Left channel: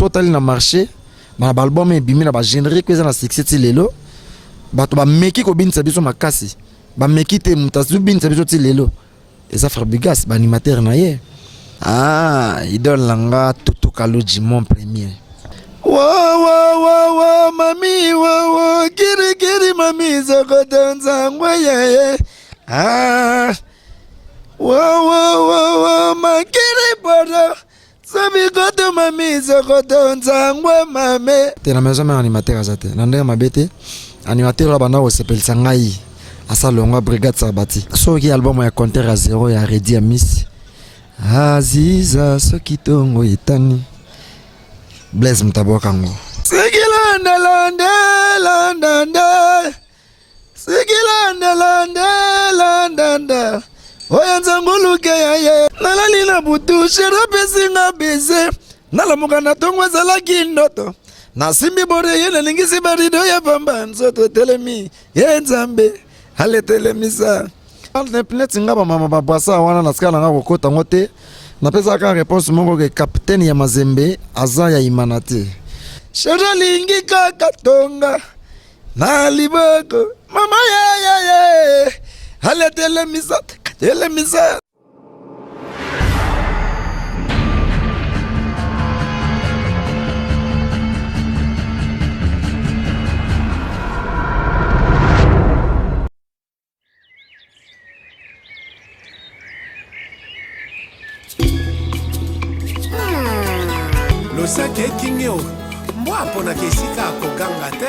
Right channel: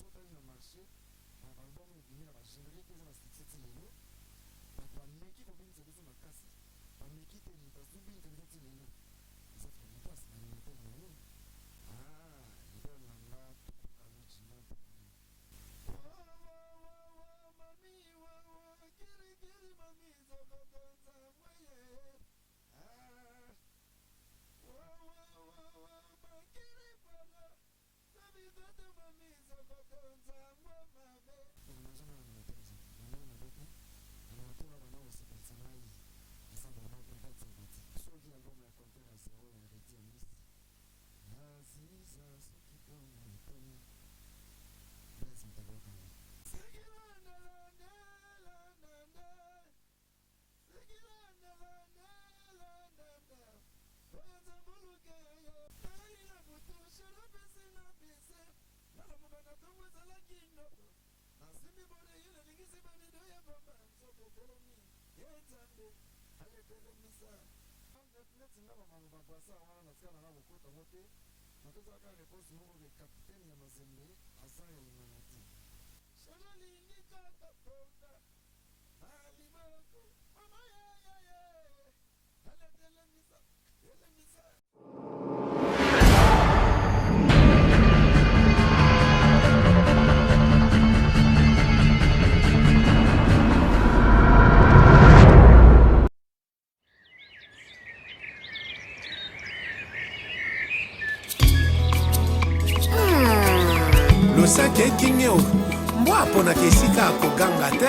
sotali na marché ba album e bimina ba générique que ça na succès ti lelo bato ba meki ko binisa biso makasi ba meki te mutasu binisa biso ti lelo eza frère Bigas ba animateur na ye idole langa Toto Kaloji mon premier wa mami wa kiri mami zoko danza ngwaye wa makiri bodo sabi goto mami zoko danza ngwa mame te na maison mère animateur azate na ndenge mabete animateur la bana o sepelisa ngai asa longa brigade sabati soki album ya compteur à 0 ya Redi ya Miss Aziza soki tongo itani Blaise Mtabokango Sigilanda Sigilanda Oyanza nguluke yaye Nalali na butu sherape singa beze Nalamuka na tongwa zalaki ndoto Nasimbi bore yene lingisi barido ya pamba Nsoto telemi Yenzambe Hale telemisa Ne pleti nga ba mama babwasa wana nasikala nga kokota ngote napesa ka réponse moko ke capitaine ya Mazembe aza ya Imanate Shara lingi kakatonga na liboko mama ye hale telemisa Losake kingeo mbwa pona kesika koganga te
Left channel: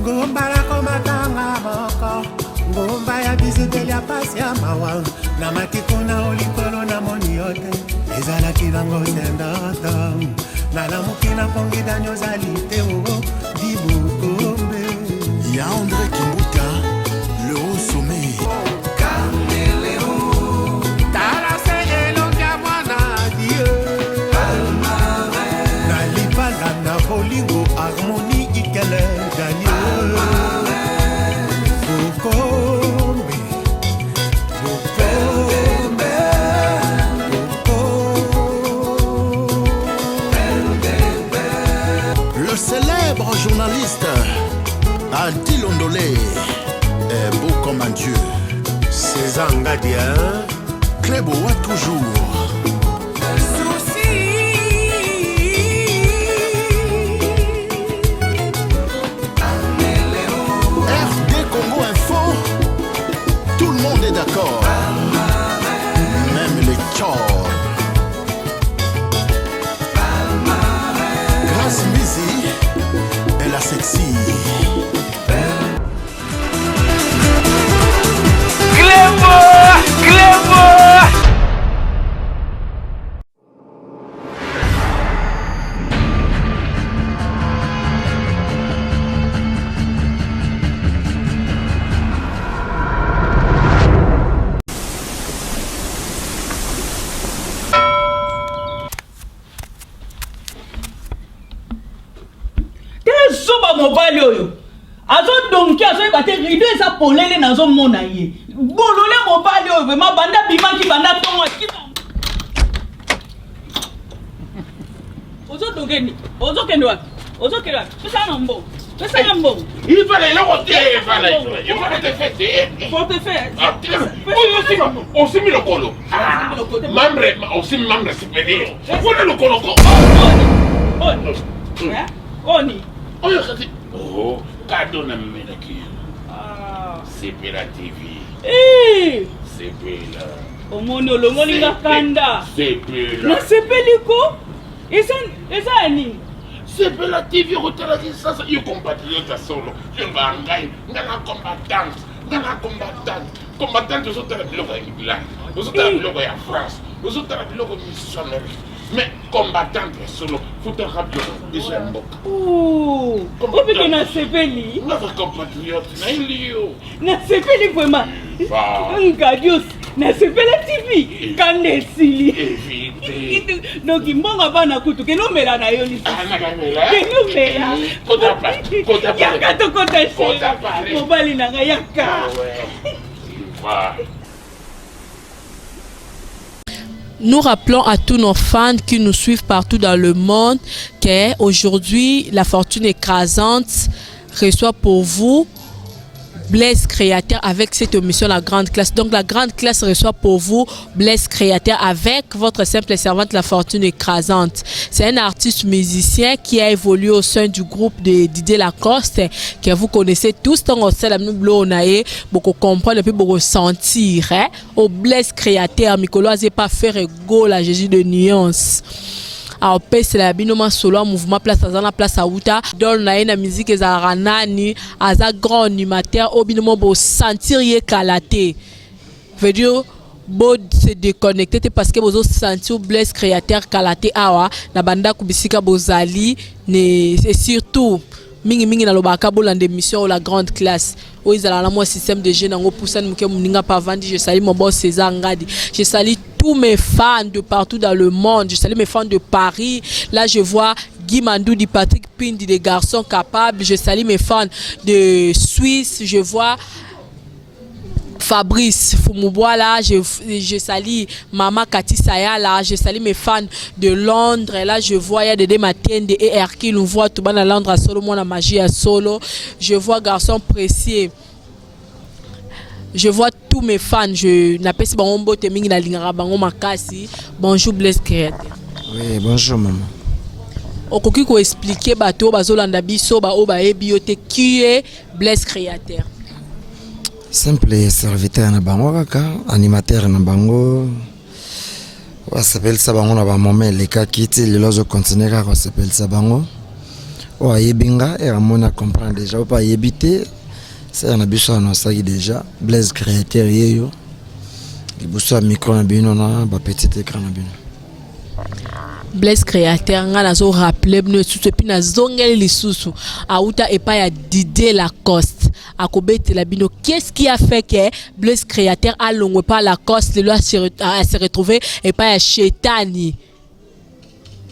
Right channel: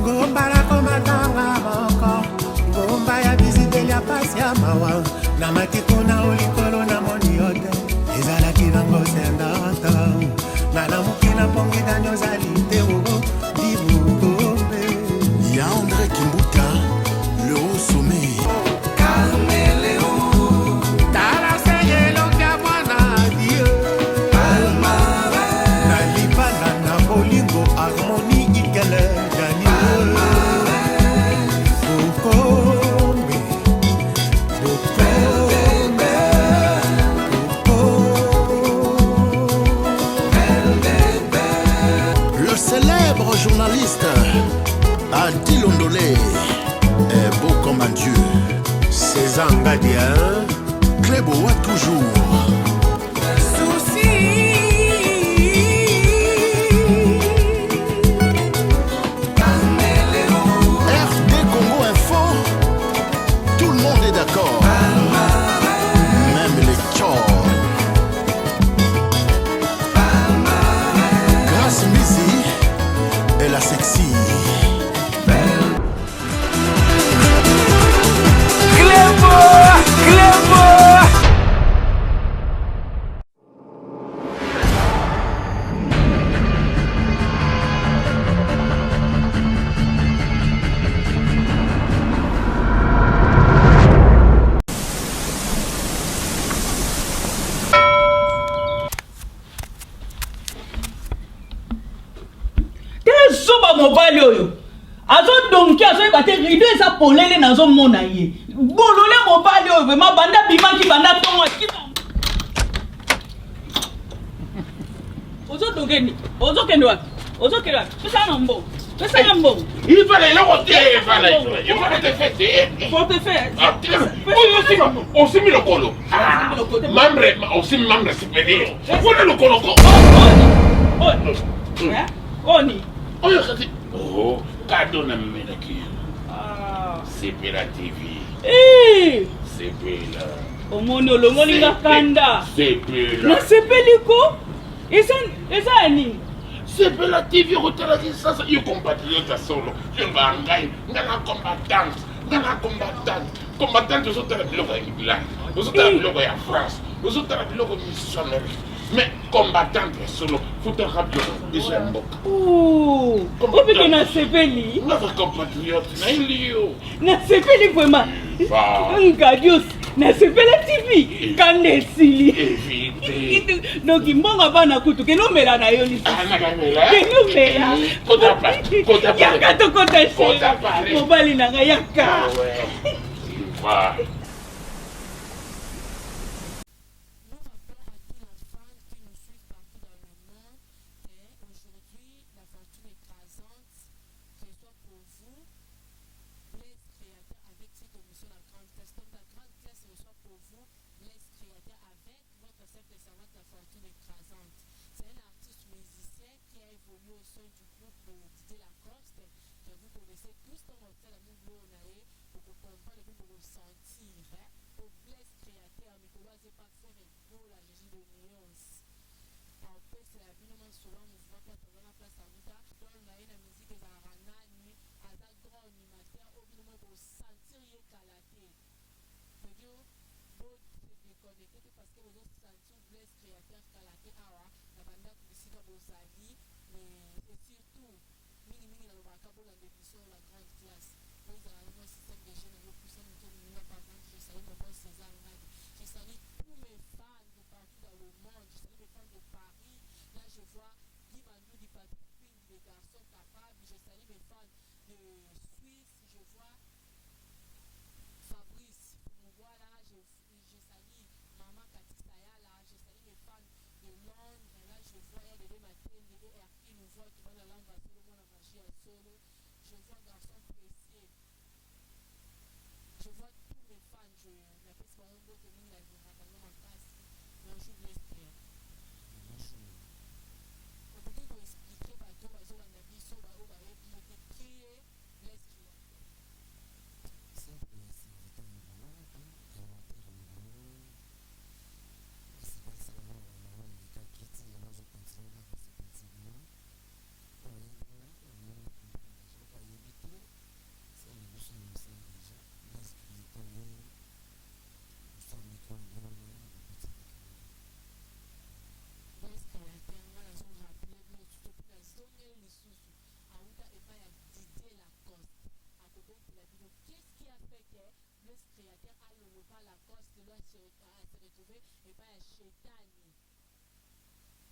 ngomba la komatanga moko ngomba ya bizibeli ya pasi ya mawa na matiko na olikolo na moni yote ezalaki nango sendata na lamuki na pongi danyo zali te ogo dibukombe ya André Kimbuta le haut sommet Bolingo harmonie ikele Daniel Bokombe Le célèbre journaliste Adil Ondolé est beau comme un dieu. César Ngadia Clébo a toujours d'accord, même les tchors. Grâce Mizi et la sexy. Clébo mobali oyo azo donki azo ebate rido esa polele nazo mona ye bolole mobali oyo vraiment banda bimaki banda tongo akita ozo dongeni ozo kende wapi pesa na mbo il fallait le retirer il fallait te faire pour te faire aussi mis le colo membre supérieur on le colo oni oyo kati cadeau na melaki Sepela TV Sepela omoni olongoli nga kanda Sepela na sepeliko eza ani Sepela TV okotalaki sasa yo compatriote solo yo ngai ngana combattante ozotala biloko ya England ozotala biloko ya France ozotala biloko missionnaire mais combattante solo futaka biloko déjà mboka opeke na sepeli nga compatriote na ilio na sepeli vraiment ngadios na sepela TV kanda esili noki mbonga bana kutu kenomela na yo kenomela yaka tokota mobali na nga yaka Nous rappelons à tous nos fans qui nous suivent partout dans le monde qu'aujourd'hui, la fortune écrasante reçoit pour vous Blaise Créateur avec cette émission La Grande Classe. Donc la Grande Classe reçoit pour vous Blaise Créateur avec votre simple servante La Fortune Écrasante. C'est un artiste musicien qui a évolué au sein du groupe de Didier Lacoste que vous connaissez tous. Donc on sait la même blonae, beaucoup comprendre et puis beaucoup sentir. Au Blaise Créateur, Mikolo n'a pas fait rigole à Jésus de nuance. Alors c'est la binoma solo mouvement place à la place à Outa dans la musique ezarana aza grand animateur au binoma bo sentir ye kalaté veut dire bo se déconnecter parce que bozo sentir Blaise Créateur kalaté awa na banda kubisika bozali ne c'est surtout mingi na lobaka bolande émission La Grande Classe où ils ont un système de jeunes en poussant muke muninga pas vendre. Je salue mon boss César Ngadi, je salue tous mes fans de partout dans le monde, je salue mes fans de Paris. Là je vois Guy Mandou, Patrick Pindi, des garçons capables. Je salue mes fans de Suisse, je vois Fabrice Fumoubois là, je salue Maman Cathy Saya là, je salue mes fans de Londres. Et là je vois il y a des matins de ER qui nous voient tout bas dans Londres à solo, moi la magie à solo. Je vois garçon précieux. Je vois tous mes fans, je n'appelle pas mon beau teming na lingara bango makasi. Bonjour Blaise Créateur. Oui, bonjour maman. Okoki ko expliquer bato bazolanda biso ba o ba ebiote qui est Blaise Créateur. Simple serviteur na bango kaka, animateur na bango. On s'appelle ça bango na ba moment les cas qui le lozo continuer on s'appelle ça bango. O ayebinga et amona comprendre déjà ou pas yebité. C'est un abisso na ça déjà Blaise Créateur yeyo. Il bossa micro na bino na ba petit écran na bino. Blaise Créateur nga nazo rappeler bino tout et puis nazongeli lisusu auta epa ya Didier Lacoste akobete la bino. Qu'est-ce qui a fait que Blaise Créateur a longwe pas Lacoste le se retrouver epa ya Chetani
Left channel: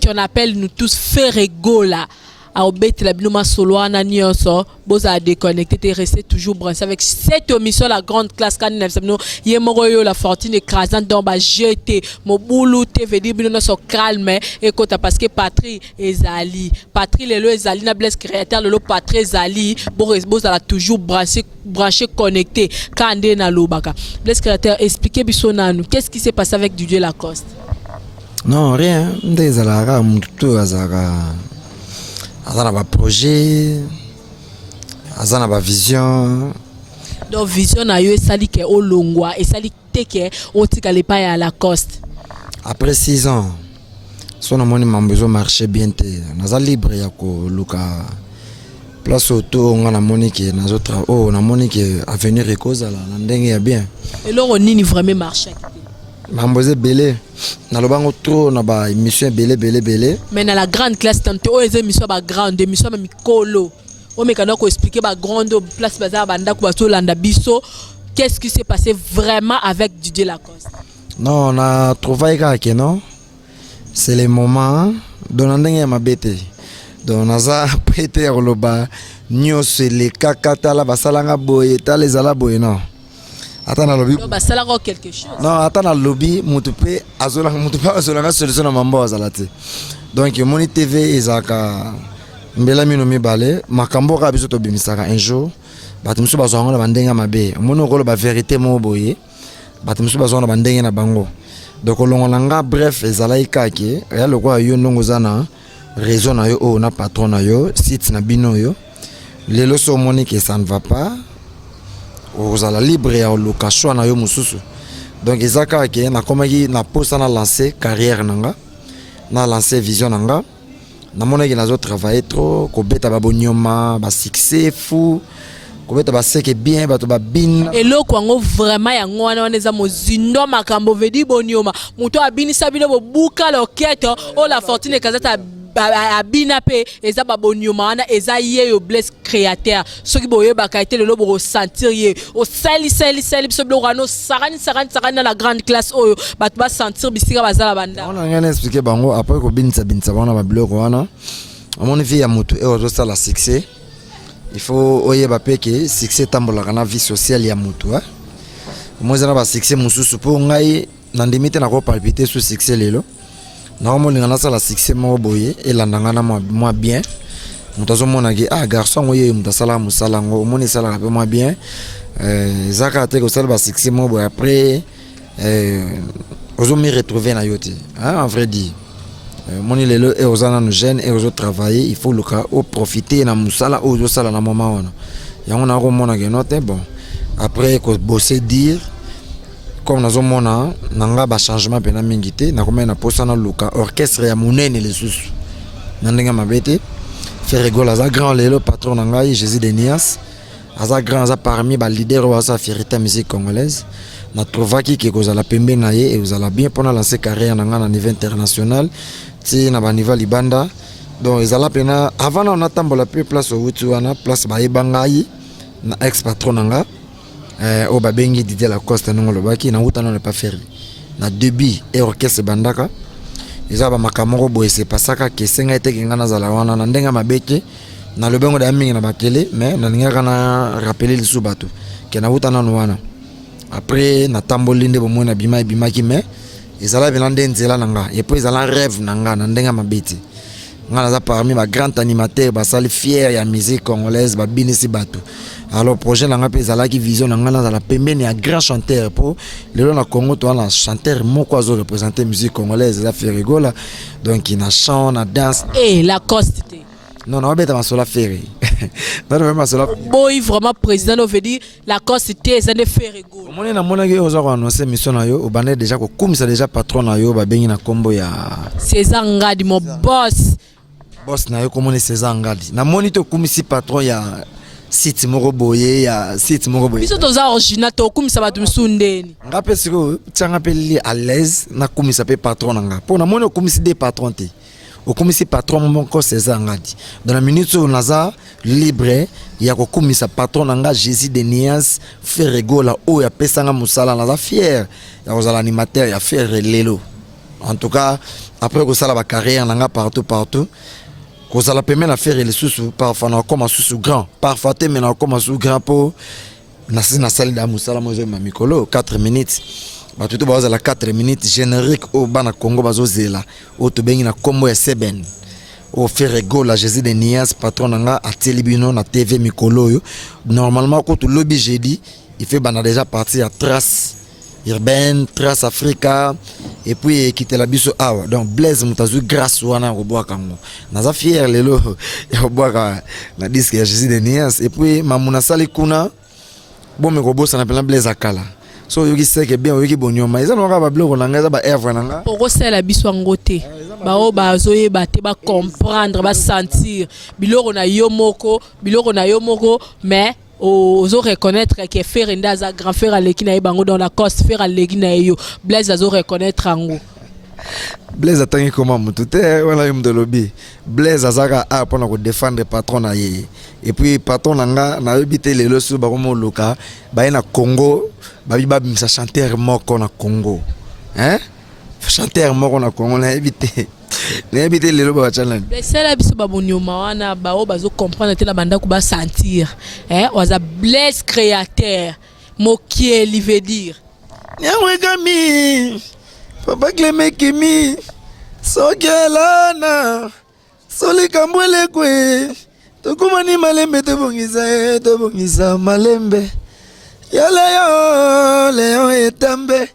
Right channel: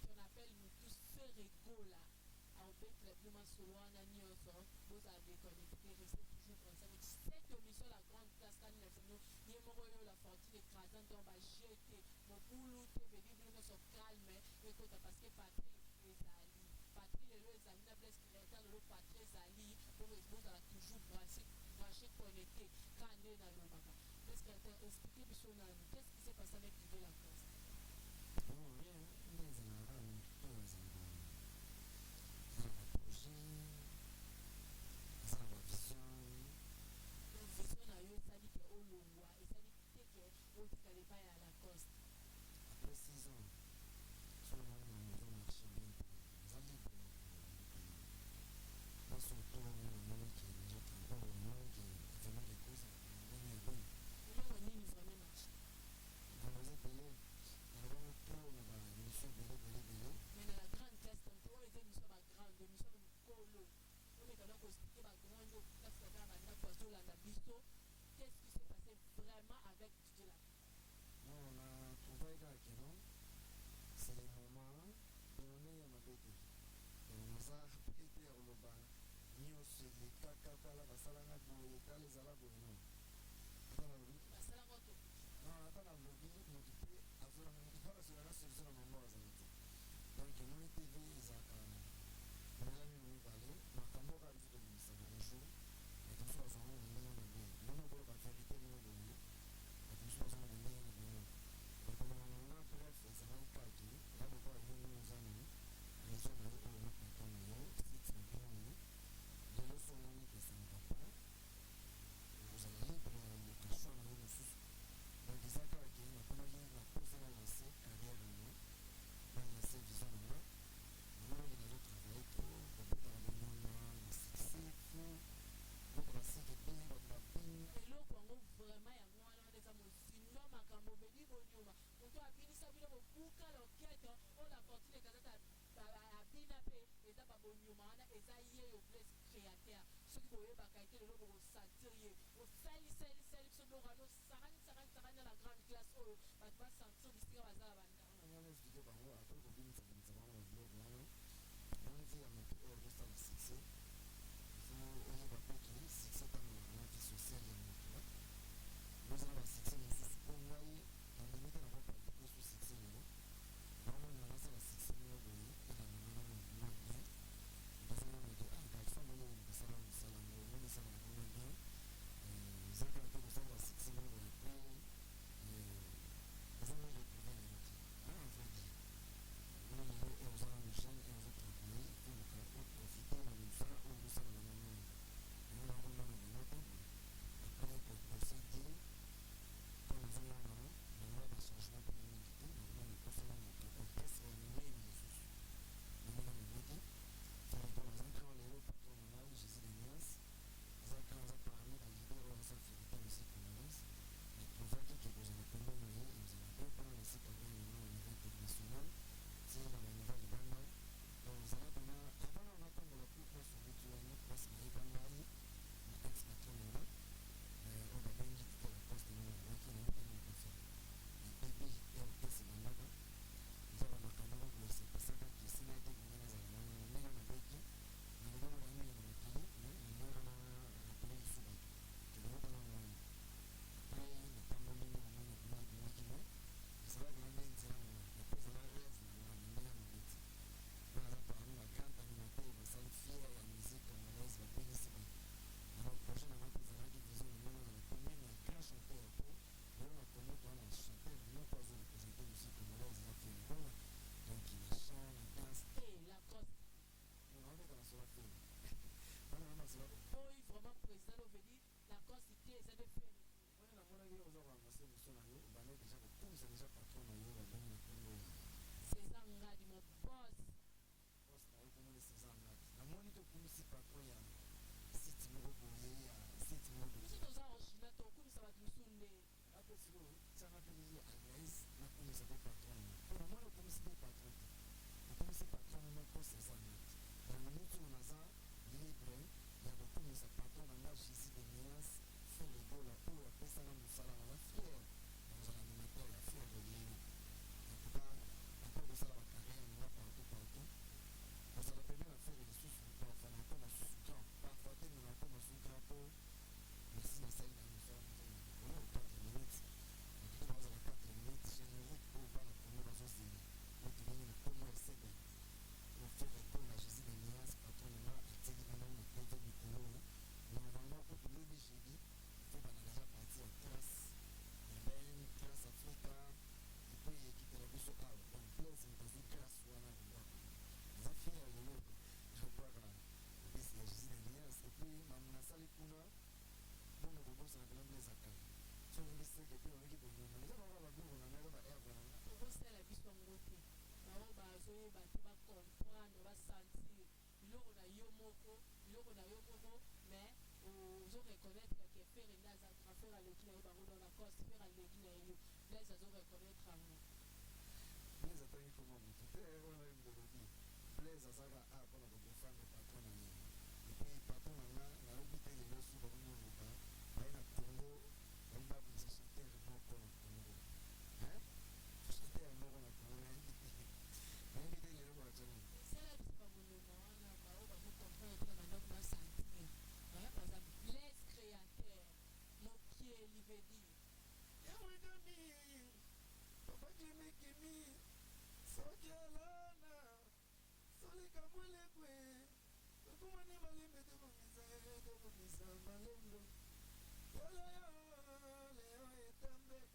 qu'on appelle nous tous Ferregola à obéter la binoma solo en nyonso boza déconnecté te rester toujours branché avec cette émission La Grande Classe quand nous yemoroyo La Fortune Écrasante dans ba jeté mobulu te veut dire bino so calme et kota parce que Patri ezali lelo ezali na Blaise Créateur lelo Patri ezali boza toujours branché connecté kande na lobaka. Blaise Créateur expliquez biso nanu qu'est-ce qui s'est passé avec Didier Lacoste? Non rien ndezala mutu azara azana ba projet azana ba vision. Donc vision na yo esali ke olongwa esali teke otika le pa ya Lacoste. Après 6 ans son amoni mambezo marché bien te naza libre ya ko luka place auto nga na monique na autres oh na monique avenir ekozala na ndenge ya bien et loro nini vraiment marché mamboze belé na lobango trop na ba émission belé mais na La Grande Classe tante o émission ba grande émission ba mikolo o mekana ko expliquer ba grande place bazar banda ko bato landa biso. Qu'est-ce qui s'est passé vraiment avec Didier Lacoste? Non on a trouvé que non c'est les moments donandenge ma bête donc naza prêter loba nyos les kakata la basalanga boye ta les ala boye non. Attends na lobby. Bah ça là quelque chose. Non, attends na lobby, mutupe azolanga solution na mambo azalate. Donc Moni TV ezaka mbela mino mibale, makambo ka biso to bimisaka un jour. Batumsu bazonga na bandenga mabe. Mono ko ba vérité mo boye. Batumsu bazonga na bandenga na bango. Donc olongolanga bref ezala ikaki, ya lokwa yo ndongo zana raison na yo o na patron na yo, site na bino yo. Lelo so moni que ça ne va pas. Ozala libre ya location na yo mususu. Donc ezaka ke na komaki na posa na lancer carrière nanga na lancer vision nanga na mona ke nazo travailler trop ko beta ba bonyoma ba succès fou ko beta ba seke bien ba to ba bin eloko ngo vraiment ya ngwana waneza mozindo makambo vedi bonyoma muto abini sabino bo buka loketo o La Fortune Écrasante abina pe eza babonyoma wana eza yeyo Blaise Créateur soki boye bakaite lelo bo sentir ye o sali biso blorano sarani na La Grande Classe oyo bat ba sentir bisika bazala banda. On a rien expliqué bango après ko binisa bana ba bloko wana amoni vie ya mutu e ozo sala succès il faut oyeba pe ke succès tambola kana vie sociale ya mutu moi na ba succès mususu po ngai nandimite na ko palpiter sous succès lelo na ko molinga na sala succès mo boye elandanga na moi bien mutazo mona ki garçon oye mutasala musala ngo moni sala ka pe moi bien zaka te ko sala ba succès mo boye après ozo me retrouver na yote en vrai dit moni lelo et ozana no jeune et ozo travailler il faut le cas au profiter na musala ozo sala na moment ono yango na ko mona ke note bon après ko bosser dire comme nazo mona nanga ba changement pena mingité na komena posa na luka orchestre ya monene les sous nandenga mabete faire rigoler za grand lelo patron nanga Jésus de Nias aza grand za parmi ba leader wa sa fierté musique congolaise na trovaki ke kozala pembe na ye et ozala bien pour lancer carrière nanga na niveau international ti na ba niveau libanda donc ezala pena avant na on tambola pe place au wana place ba ebangai na ex patron nanga au babengi Didier Lacoste non lobaki na utana ne pas faire na début et orchestre bandaka eza ba makamoko boye se pasaka ke senga ete kinga na zala wana na ndenga mabeke na lobengo da mingi na bakele mais na ninga kana rappeler le subato ke na utana no wana après na tamboli nde bomona bima ki mais ezala belande nzela nanga et puis ezala rêve nanga na ndenga mabeti ngana za parmi ba grand animateur ba sali fier ya musique congolaise ba binisi bato. Alors projet nanga pe ezala ki vision nanga na la pembeni ya grand chanteur pour lelo na Congo to na chanteur moko azo représenter musique congolaise za faire rigola donc il na chant na danse et la coste non non beta masola faire non non masola boy vraiment président veut dire la coste ça ne fait rigola moni na mona ke ozo ko annoncer mission na yo o bande déjà ko kumisa déjà patron na yo ba bengi na kombo ya César Ngadi mon boss na yo komoni César Ngadi na moni to kumisi patron ya site moko boye ya site moko boye biso toza original to kumisa batu msundeni ngape siko tanga pe li à l'aise na kumisa pe patron nga po na moni o kumisi des patrons te o kumisi patron moko César Ngadi dans la minute où naza libre ya ko kumisa patron nga Jésus de Nias faire rigola o ya pesanga musala naza fier ya kozala animateur ya faire lelo en tout cas après ko sala ba carrière nga partout Quand la permet de faire les sous parfois on commence sous grand parfois mais on commence sous grand pour na salle d'amusala moi ma mikolo 4 minutes ba tout ba la 4 minutes générique au bana Congo bazo zela au to bengi na kombo ya Seben au faire rigoler Jésus de Nias patron nga a Telebino na TV mikolo yo normalement quand tout lobby jeudi il fait bana déjà partir à trace urbaine trace Africa et puis quitter la biso awa donc Blaise mutazu grâce wana roboa kango naza fier lelo ya roboa na disque ya Jésus de Nias et puis mamuna sali kuna bon me robosa na pela Blaise akala so yoki seke bien yoki bonyoma eza no ba bloko nanga eza ba erve nanga oko sala biso ngote ba o ba zoye ba te ba comprendre ba sentir biloko na yo moko mais ozo reconnaître que faire ndaza grand frère aleki na bango dans la coste faire aleki na yo Blaise azo reconnaître ango Blaise atangi comment mutute wala yum de lobby Blaise azaka a pona ko défendre patron na ye et puis patron nanga na yobité les leçons ba komo loka ba na Congo ba biba bimisa chanteur moko na Congo hein chanteur moko na Congo na éviter n'habiter les lois challenge c'est la biso babonyoma wana ba o bazo comprendre te na banda ko ba sentir waza Blaise créateur mokieli veut dire nyawe gami papa Clément kimi sokelana solika mbwele kwe tokumani malembe tobongisa malembe ya leo etambe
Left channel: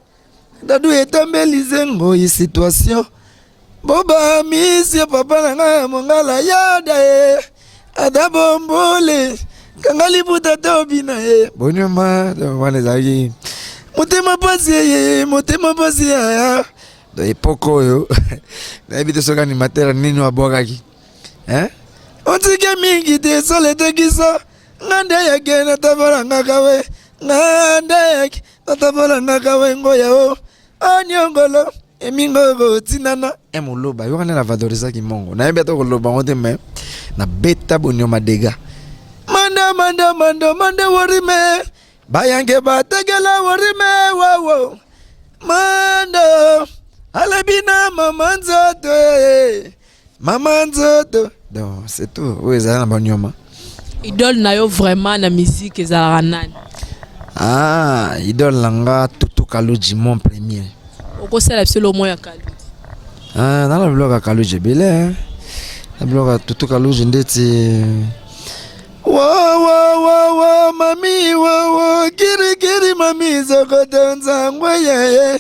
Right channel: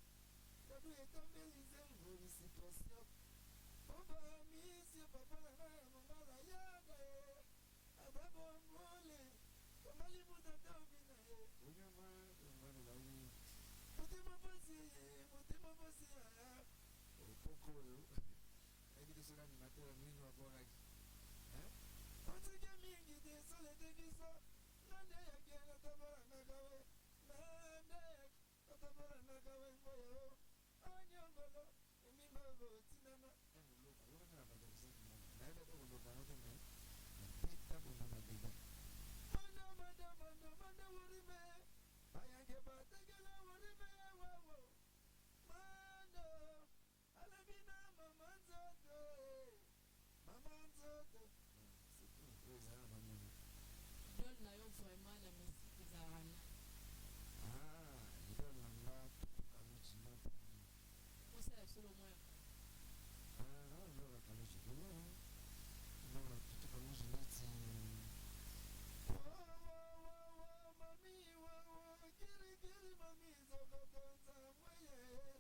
dadu etambe lizengo yi situation Boba misi papa nanga mongala yada adabombole kangali buta tobina bonyoma wana zaki motema pasi ya do epoko yo na ebite soka ni matera nini wabokaki otike mingi te sole te kiso ngande yake na tabara ngakawe ngoya o anyongolo emingo tinana emoloba yo kana na valoriser ki mongo na yebeta ko loba ngote me na beta bonyoma dega manda worime bayange bategela worime wo manda alabina mamanzoto donc c'est tout oui ça na bonyoma idole na yo vraiment na musique ezala nani idole langa Tutu Kaluji mon premier okosala biso lomo ya Kaluji. Nala biloko ya Kaluji ebele na biloko ya tutu Kaluji ndeti wa mami wa kiri mami zokoto nzangwe yeye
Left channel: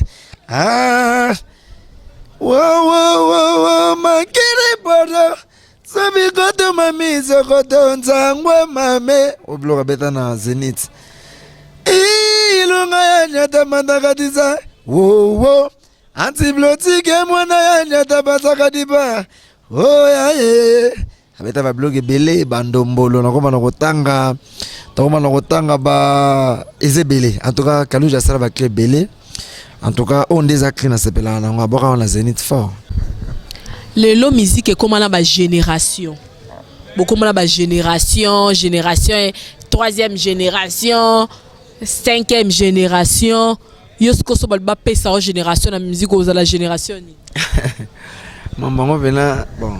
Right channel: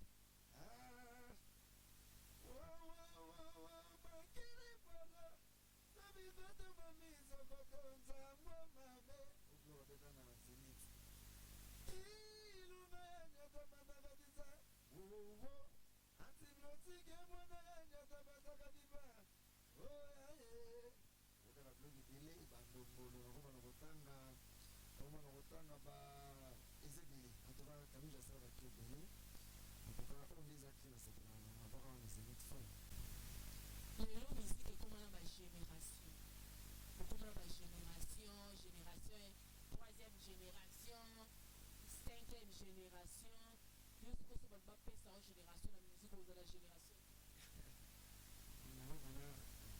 wa makiri bodo sabikoto mami zokoto nzangwe mame obiloko beta na Zenith ilunga ya nyata mandakatiza wo antibiotike mwana ya nyata batakadiba yaye abeta ba blog ebele bandombolo nakoma na kotanga ba ezebele en tout cas Kaluji asala ba clé belé en tout cas on des aclés na sepela na ngaboka na Zenith fort lelo musique ekomana ba génération bokomana ba génération 3e génération 5e génération yosko so ba pesa o génération na musique oza la génération ni mambo bena bon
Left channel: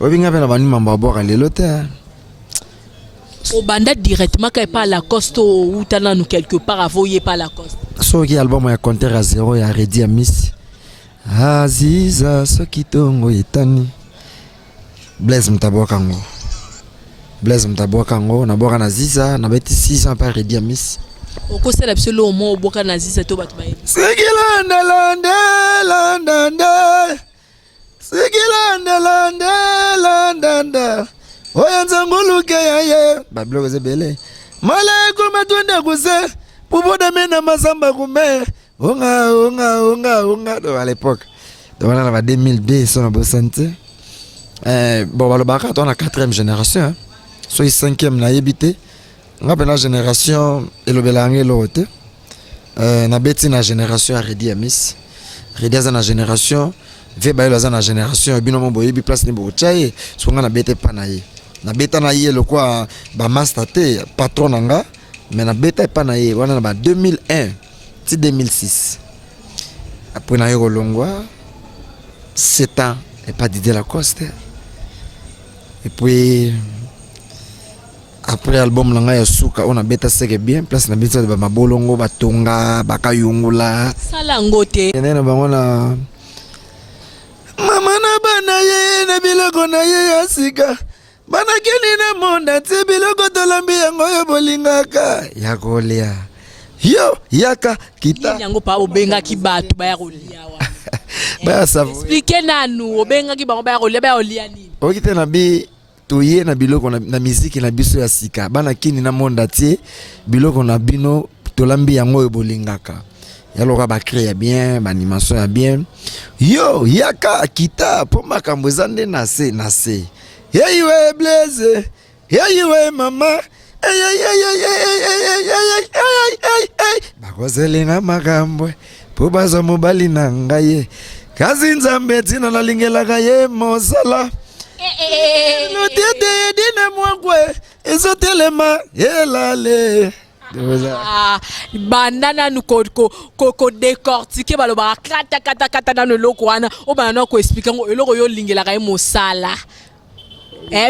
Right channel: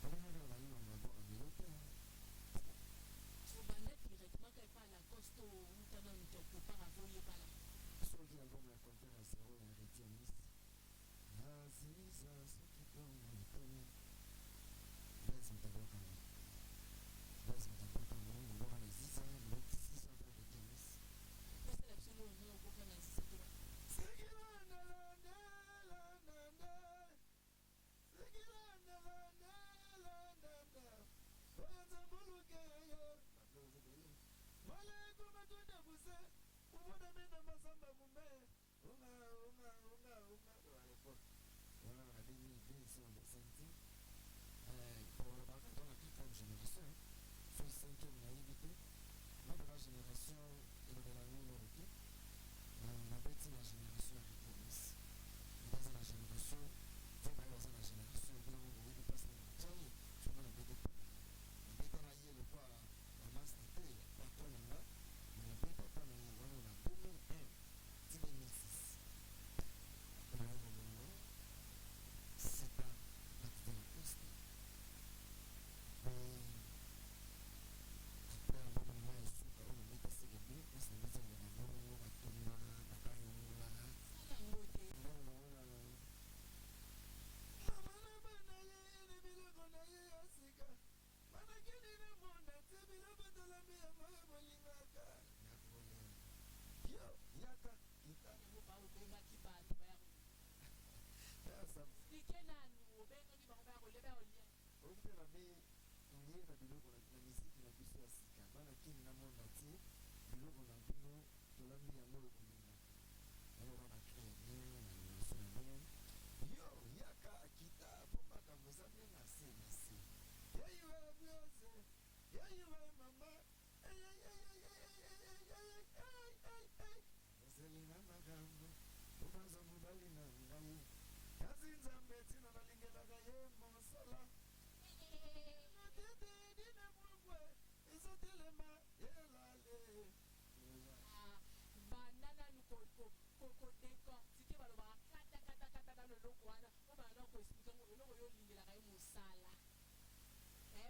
obinga bena bani mambo boka lelo te au banda directement quand pas la coste ou tana nous quelque part avoyer pas la coste so ki album ya compteur à 0 ya Redi Amis Aziza sokitongo etani Blaise Mtabokango na boka na Ziza na beti 6 ans par Redi Amis okosala biso lo mo boka na Ziza to batu baye Sikilanda oyanza nguluke yaye babloko zebele malaiku matunda kuse puboda mena masamba kume unga do à l'époque donc on a 2002 son abosante bon balobaka on a 4e génération hein. So 5e na yebité ngape na génération elobelange lote na beti na génération Redi Amis Redi za na génération Veba ilo za na génération bino mo boyebi place ni bo chaye so nga na bete pa na ye na beta na ye le quoi ba master te patron nanga mais na beta pa na ye wana na ba 2001 ti 2006 après na yo longwa 7 ans et pas Didier Lacoste et puis après album nanga ya suka on a beta seke bien place na beta ba mabolongo batonga bakayungula sala ngote nena bangona mama na bana ye na biloko na ye asika bana kini na monda ti biloko tolambi yango yo bolingaka ya kolia yo yaka kita yango pa obenga ki batu baya kolia wa baya savo expliquer nanu obenga ki bango baya kolia nini okite na bi toye na biloko na musique na biso ya sika bana kini na monda ti biloko na bino tolambi yango yo bolingaka yaloka ba créer bien ba animation ya bien yo yaka kita po makambo zande na se hey we Blaise hey we mama bakozelinga makambo po bazo mobali na ngai kazi nzambe tina nalingelaka ye mosala notete dina mwangwe ezotelema elale bandana nous ko décortiquer baloba kata na loko wana o bana ko expliquer ngo eloko yo lingela ka mosala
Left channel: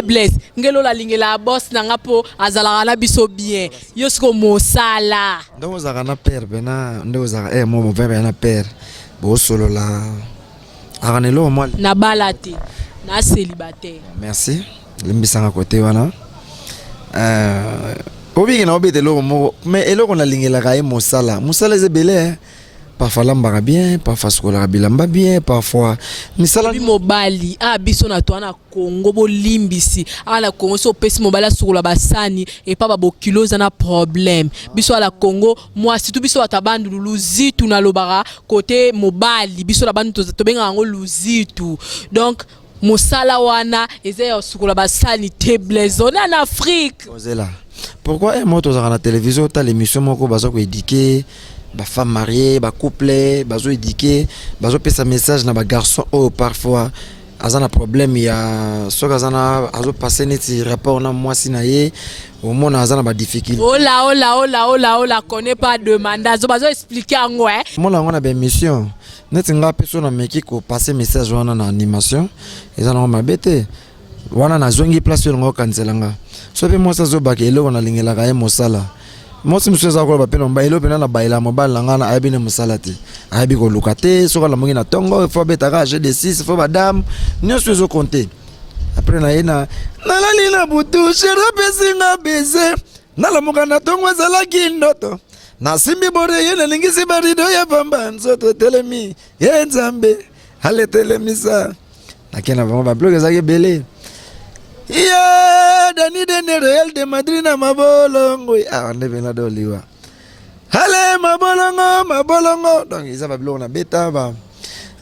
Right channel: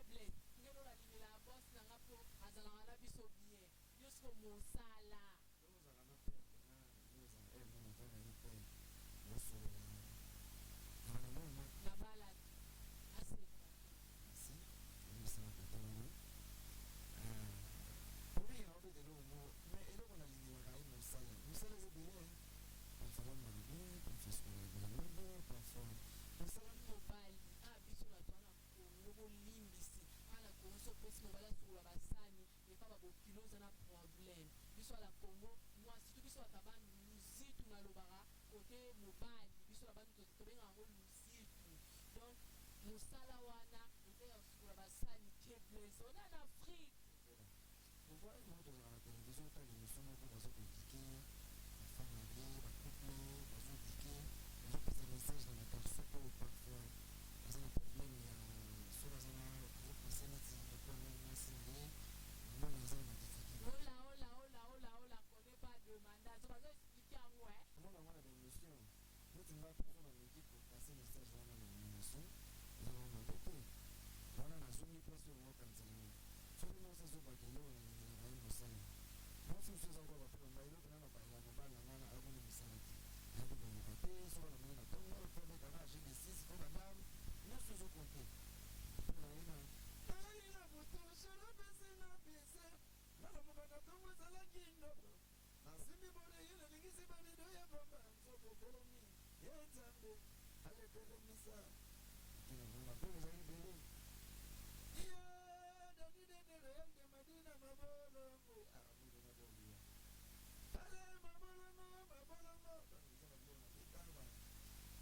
Blaise ngelo la lingela boss nanga po azala na biso bien yo siko mosala ndongo zaka na père bena ndongo zaka mo bebe na père bo solo la aranelo mo na balate na célibataire merci limbisanga côté wana obi na obi de lo mo mais eloko na lingela ka mosala ezebele parfois lambaka bien parfois sokola bilamba bien parfois misala mobali biso na to na Congo bolimbisi ala Congo so pesi mobali sokola basani et pas ba kilo za na problème biso ala Congo moi si tout biso atabandu luzitu na lobara côté mobali biso la bandu to benga ngo luzitu donc mosala wana eza sokola basani te Blaise on en Afrique ozela pourquoi moi to za na télévision ta l'émission moko bazo ko éduquer ba femme mariée ba couple bazo éduquer bazo pesa message na ba garçon parfois azana problème ya soka azana azo passer neti rapport na moi sinaye au monde azana ba difficulté oh la connaît pas demande azo bazo expliquer ngo moi la ngona ba mission neti nga personne na meki ko passer message wana na animation ezana ma bete wana na zongi place yo ngo kanzelanga so pe moi ça zo ba ke eloko na lingela ka mosala Moi si monsieur za ko ba pena mbailo pena na baila mobile ngana ayebi ne musalati ayebi ko lukate soka la mongi na tongo faut betaka j'ai des 6 faut madame nyonso zo compter après na yena nalali na butu shera pesinga beze nalamuka na tongo ezala kindoto na simbi bore yena lingisi barido ya pamba nzoto telemi ye nzambe ale telemisa nakena vraiment ba blog ezaki belé ya Dani de Real de Madrid na mabolongo ah ndebe na doliwa hale mabolongo donc ils avaient blog na beta ba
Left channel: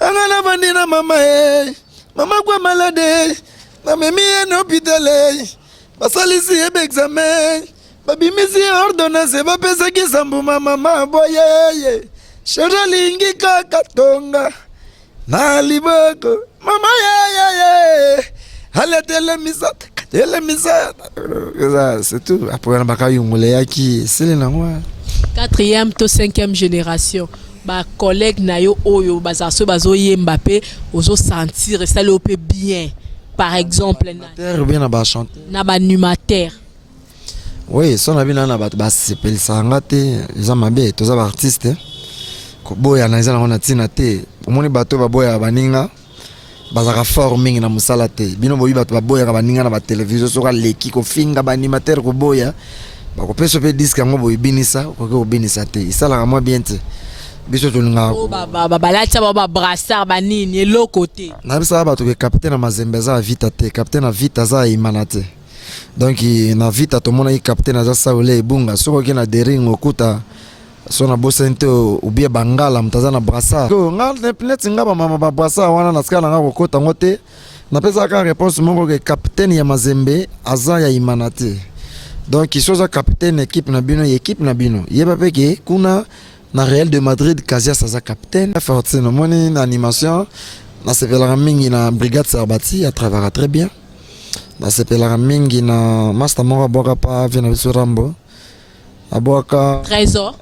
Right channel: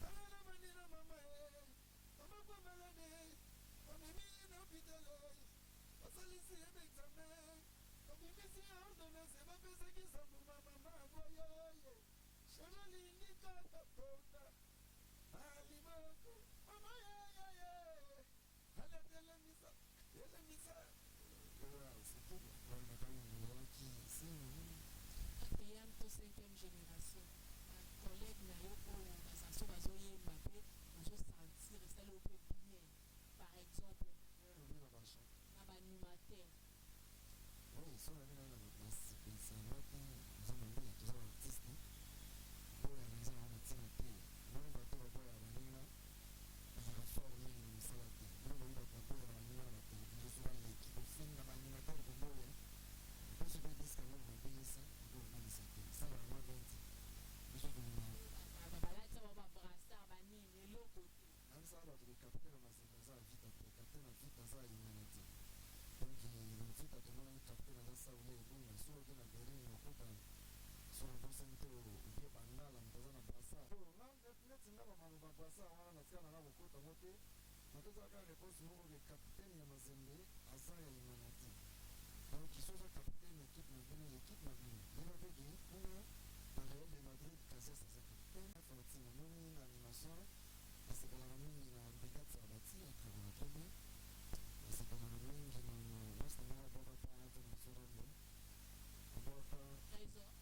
angana bandina mama mama kwa malade na memi en hôpital basalisi ebe examen babimisi ordonnance ba pesa kisambu mama boye shora lingi kakatonga na liboko mama Allez, c'est tout. Après, on a c'est le nom. 4e to 5e génération. Ba collègue nayo oyo bazaso bazo Mbappé ozo sentir ça le peut bien. Par exemple, bien na chanter. Na ba animateur. Oui, son abi na ba s'appelle sangate, ils ont mabé, tous les artistes. Ko boya na izana na tina te. Omoni bato ba boya baninga. Bazaka fort mingi na musala te bino boyi bato baboya ka baninga na ba television soka leki ko finga ba animateur ko boya ba ko peso pe disque ngo boyi binisa ko binisa te isala ka moi bien te biso to nga o ba lacha ba brassard ba nini lo côté na bisa ba to ke capitaine na Mazembe za vita te capitaine na vita za imanate donc na vita to mona i capitaine za Saule Ibunga soko ke na dering okuta sona bosente ubie bangala mtazana brasa ko ngal net ngaba mama ba brasa wana na skala ngako kota ngote na pesa ka réponse mongo ke capitaine ya Mazembe aza ya imanate donc isoza capitaine équipe na bino yeba peke kuna na Real de Madrid Casillas aza capitaine fortune no moni na animation na sepela mingi na brigade Sarbati à travailler très bien na sepela mingi na master mora boka pa vena biso Rambo aboka trésor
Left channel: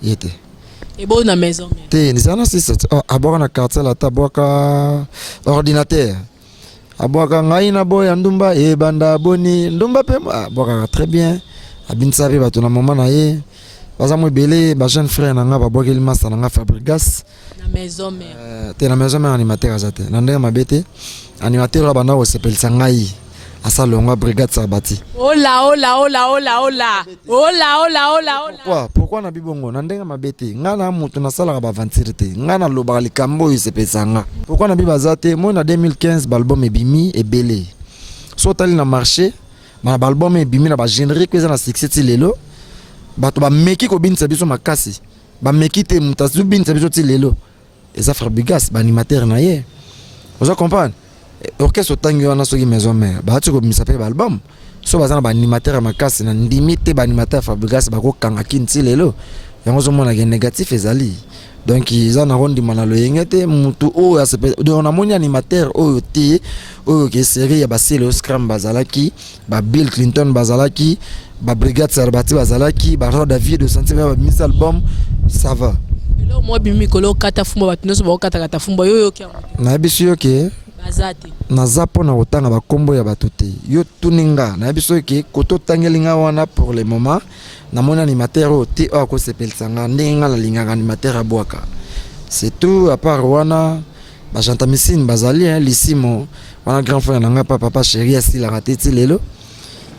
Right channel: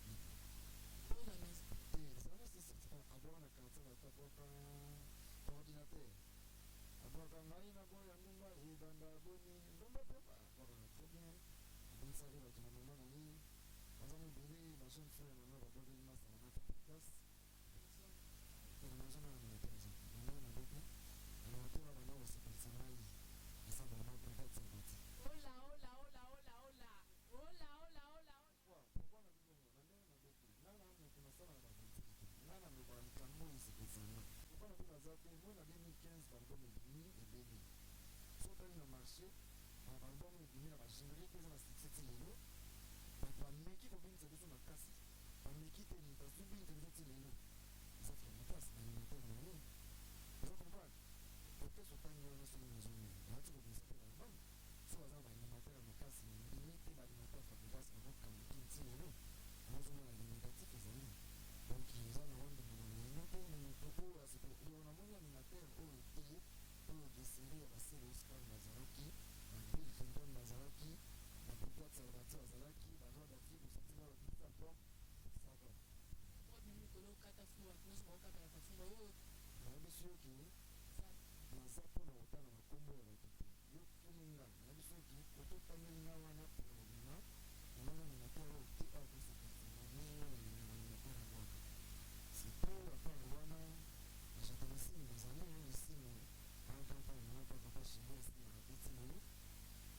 yete et bon na maison te ni sana si aboka na quartier la taboka ordinateur aboka ngai na boya ndumba e banda boni ndumba pe aboka très bien abinsa pe bato na mama na ye baza mo belé ba jeune frère na nga baboka il masa na nga Fabregas na maison mère te na maison mère animateur azate na ndenge mabete animateur bana o sepel sangai asa longa brigade Sarbati. Ola. Pourquoi na bibongo na ndenga mabete ngana mutu na sala ba aventure te ngana loba likambo yisepesanga. Pourquoi na bibazate moi na 2015 album ebimi ebele. So tali na marché na album ebimi na ba générique eza na succès ti lelo. Bato ba meki ko binisa biso makasi. Ba meki te mutazu binisa biso ti lelo. Eza Fabregas ba animateur na ye. Vous comprenez? Orchestre tangi wana soki maison mère ba tu ko misa pe album so bazana ba animateur makasi na ndimite ba animateur Fabregas ba ko kanga kinti lelo yango zo mona ke négatif ezali donc ils en arrondi manalo yengete mutu o ya sepe do na moni animateur o ti o ke série ya ba selo scrum bazalaki ba Bill Clinton bazalaki ba brigade Sarbati bazalaki ba David de Santé ba mis album ça va lo moi bimi kolo kata fumba batinoso ba kata fumba yo ke na biso yo ke bazate na zapo na otanga ba kombo ya batuté yo tuninga na biso ke koto tangelinga wana pour le moment na mon animateur o ti o ko sepelsanga ndenga la linga animateur aboaka c'est tout à part wana ba chanta misine bazali lisimo wana grand frère na nga papa chéri asi la raté ti lelo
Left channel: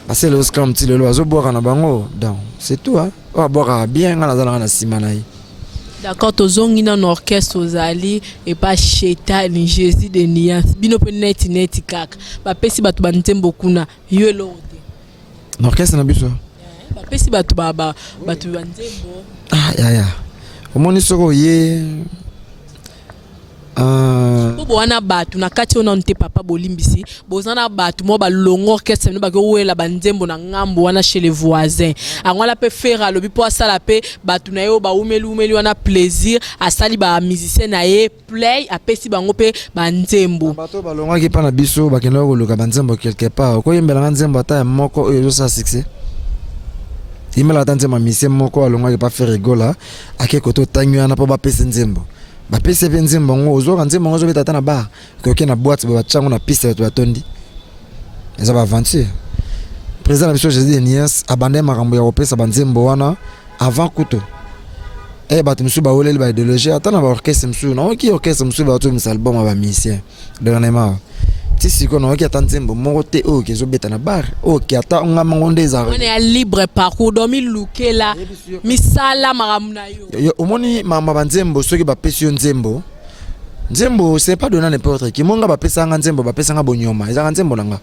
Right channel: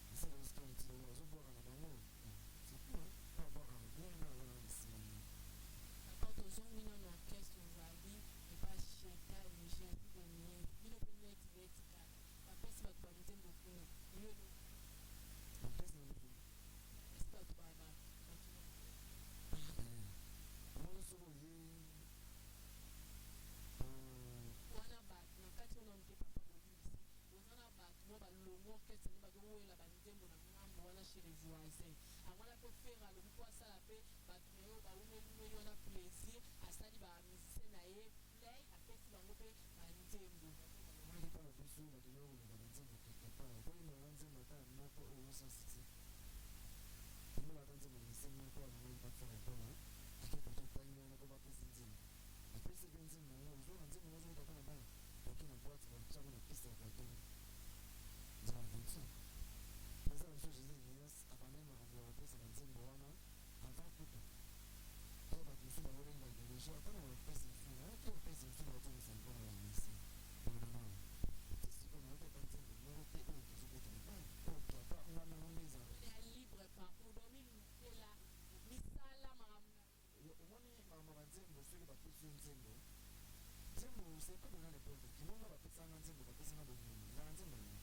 parce le scrum ti lelo azo boaka na bango donc c'est tout hein o boaka bien nga na simana yi. D'accord, tozongi na orchestre ozali et pas cheta ni Jésus de Nias. Bino pe net kaka. Ba pesi batu ba ntembo kuna yo lo te. Orchestre na biso. Ba pesi batu batu ba ntembo. Ya. Omoni soko ye Bobo wana batu na kati ona nte papa bolimbisi bozana batu mo ba longo orchestre no ba ko wela ba nzembo na ngambo wana chez les voisins angwala pe faire lobi po asala pe batu na yo ba umeli wana plaisir asali ba musicien na ye play apesi bango pe ba nzembo bato ba longo ki pa na biso ba kendo ko luka ba nzembo quelque part ko yembela nzembo ata moko oyo so succès imela tanzema musicien moko alongo ki pa faire rigola ake koto tanyu ana po ba pesi nzembo ba pese penze mbongo ozoka nzembo ngozo beta na ba ko ke na boîte ba chango na piste to atondi eza ba aventure président na biso Jésus de Nias abandé makambo ya kopesa banzembo wana avant kuto bato misu baoleli ba idéologie ata na ba orchestre misu na oki orchestre misu ba to misal album ba musicien dernièrement ti siko na oki ata nzembo moko te o ki ezobeta na bar o ki ata ngama ngonde za on est libre parcours domi lukela misala makambo na yo omoni mama banzembo soki bapesi yo nzembo c'est pas donner n'importe qui monga bapesa nga nzembo bapesa nga bonyoma ezaka nzembo nanga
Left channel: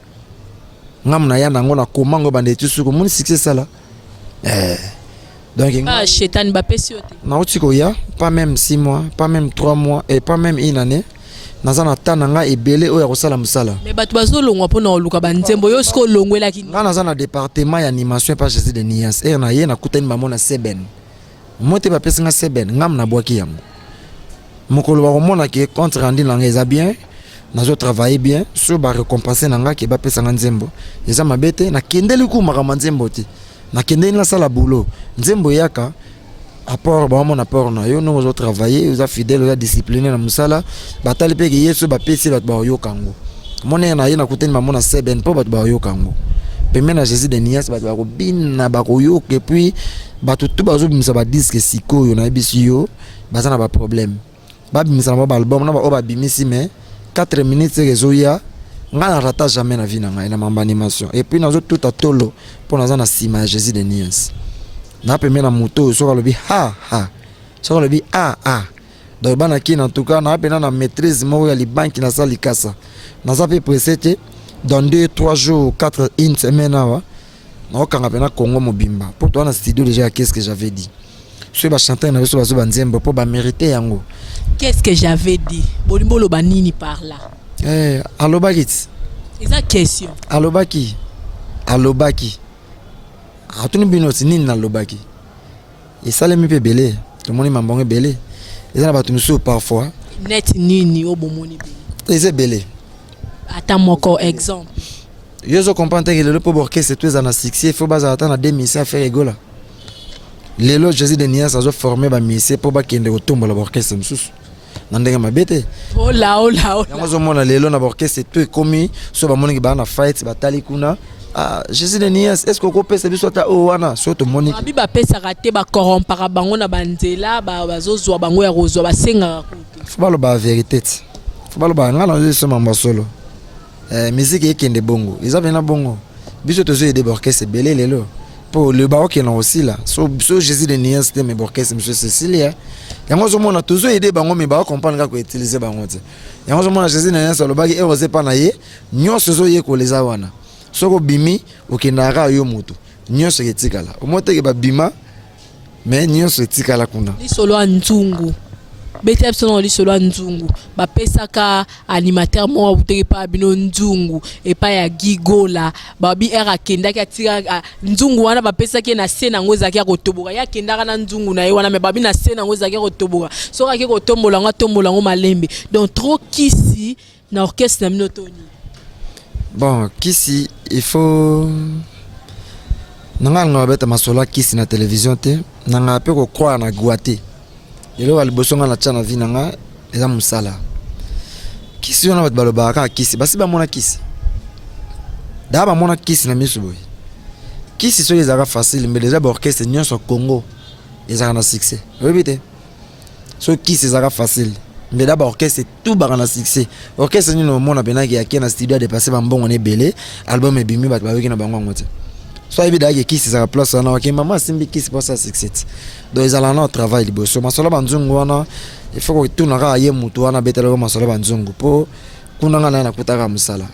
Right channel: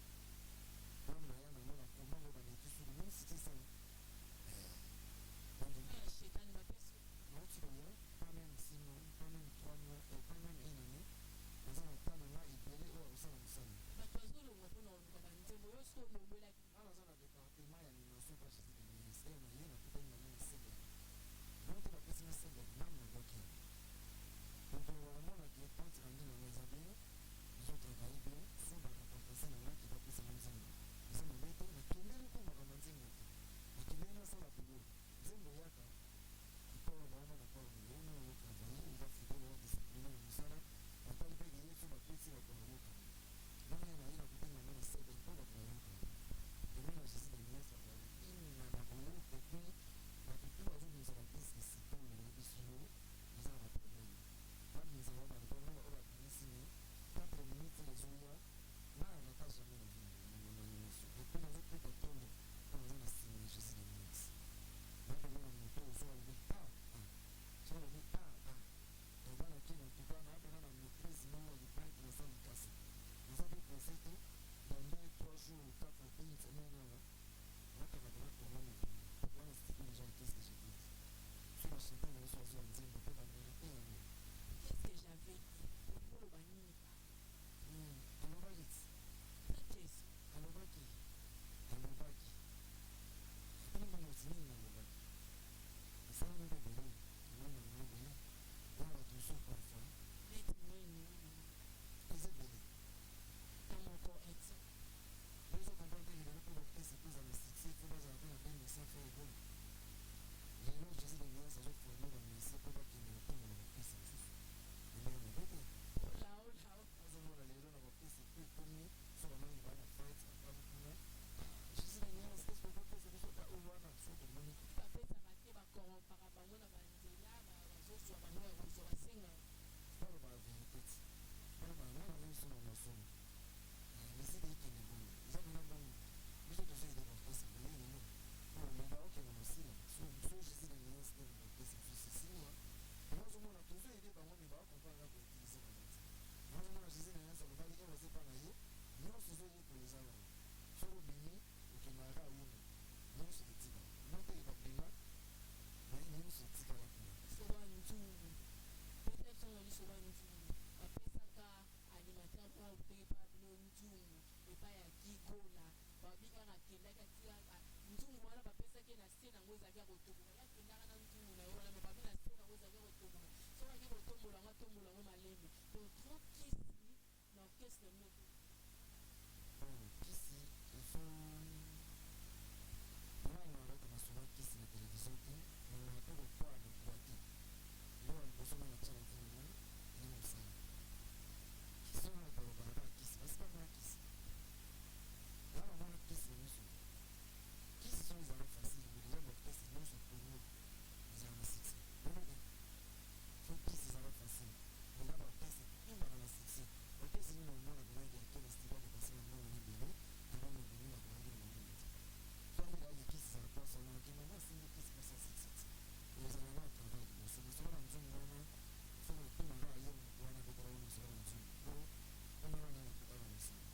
ngamna ya nango na komango bande tu suko moni succès sala donc Chétan bapesi yo te na otiko ya pas même 6 mois pas même 3 mois et pas même une année nazana tananga ebele oya kosala musala mais bato bazolongwa pona oluka banzembo yo siko longwela ki nga nazana département ya animation pas Jésus de Nias na ye na kutani mamona Seben mote bapesa nga Seben ngam na bwaki yango mokolo ba komona ke compte rendu nanga eza bien nazo travailler bien so ba récompenser nanga ke bapesa nga nzembo eza mabete na kendeli ku makambo nzembo te na kendeli na sala boulot nzembo yaka apport ba mon apport na yo nous travailler vous fidèle vous discipliné na musala batali pe ke yeso bapesi bat ba yo kango mona na ye na kuteni mamona Seben po bat ba yo kango pemena na Jésus de Nias bat ba ko bina ba ko yo ke puis bato tout bazo bimisa ba disque siko yo na bisu yo bazana ba problème babimisa na ba album na ba oba bimisi mais 4 minutes rezoya nga na rata jamais na vie na ngai na mamba animation et puis nazo tout atolo pour naza na sima Jésus de Nias na pemé na moto so kalobi ha so kalobi donc bana ki en tout cas na pena na maîtrise mo ya li banki na sali kasa naza pe presete dans 2-3 jours 4 une semaine awa na okanga pena Congo mobimba pour toi na studio déjà qu'est-ce que j'avais dit so ba chanter na so ba nzembo pour ba mériter yango. Qu'est-ce que j'avais dit? Bolimbo lo banini par là. Alobakit. C'est ça question. Alobaki. Atuni binoti nini na lobaki. Et ça les mi pe belé. Tout le monde m'embonge belé. Et ça na batu musu parfois. Net nini o bomoni belé. C'est belé. Attends encore exemple. Yo zo comprendre que le pour orchestre c'est tout en succès, il faut baser attendre à 2000 à faire rigola. Lelo Jésus de Nias a formé ba mise pour ba kende ko tombola orchestre mususu nandenge mabete oh là yango mona lelo na orchestre tout komi so ba moni ba na fight batali kuna Jésus de Nias est-ce que ko pesa biso ta o wana so to moni ba biba pesa raté ba corrompre bango na banzela ba bazozwa bango ya rozwa ba senga faut ba lo ba vérité faut ba lo ba ngana zo so mamba solo musique ekende bongo ils avaient na bongo biso to zo aider orchestre belé lelo pour le baroque qui est aussi là so Jésus de Nias c'était mes orchestre monsieur Cécilia yango zo mona toujours aider bango mais ba comprendre kako utiliser bango te yango zo mona Jésus de Nias lo baki erosé pa na ye nyonso zo ye ko leza wana soko bimi okendaka yo moto nyonso etikala omote ke ba bima mais nyonso etikala kuna li solo nzungu bete absolument li solo nzungu ba pesaka animateur mo abuteki pa bino nzungu et pa ya gigola babi era kenda ki atira nzungu wana ba pesaki na scène ngo zaki akotoboka ya kenda kana nzungu na ye wana me babi na scène ngo zaki akotoboka so ka ki kotombola ngo malembe donc trop kisi na orchestre na minotoni bon kisi il faut nanga beta masola kisi na télévision te nanga pe ko croire na guate yelo alibosonga na chana vinanga eza musala kisi ona bat balobaka kisi basi ba mona kisi daba mona kisi na misu boy kisi so ezaka facile mais déjà ba orchestre nyonso Congo ezaka na succès répétez so kisi ezaka facile mais d'abord orchestre tout ba na succès orchestre ni no mona benaki ya kena studio de passer ba mbongo ne belé album ebimi bat ba wiki na bango ngote so évidemment que kisi ezaka place na ok maman simbi kisi pour ça succès. Donc ils allaient en travail liboso masolo banzungu wana il faut que tout naka ye mutu wana betelo masolo banzungu po kunanga na kutaka musala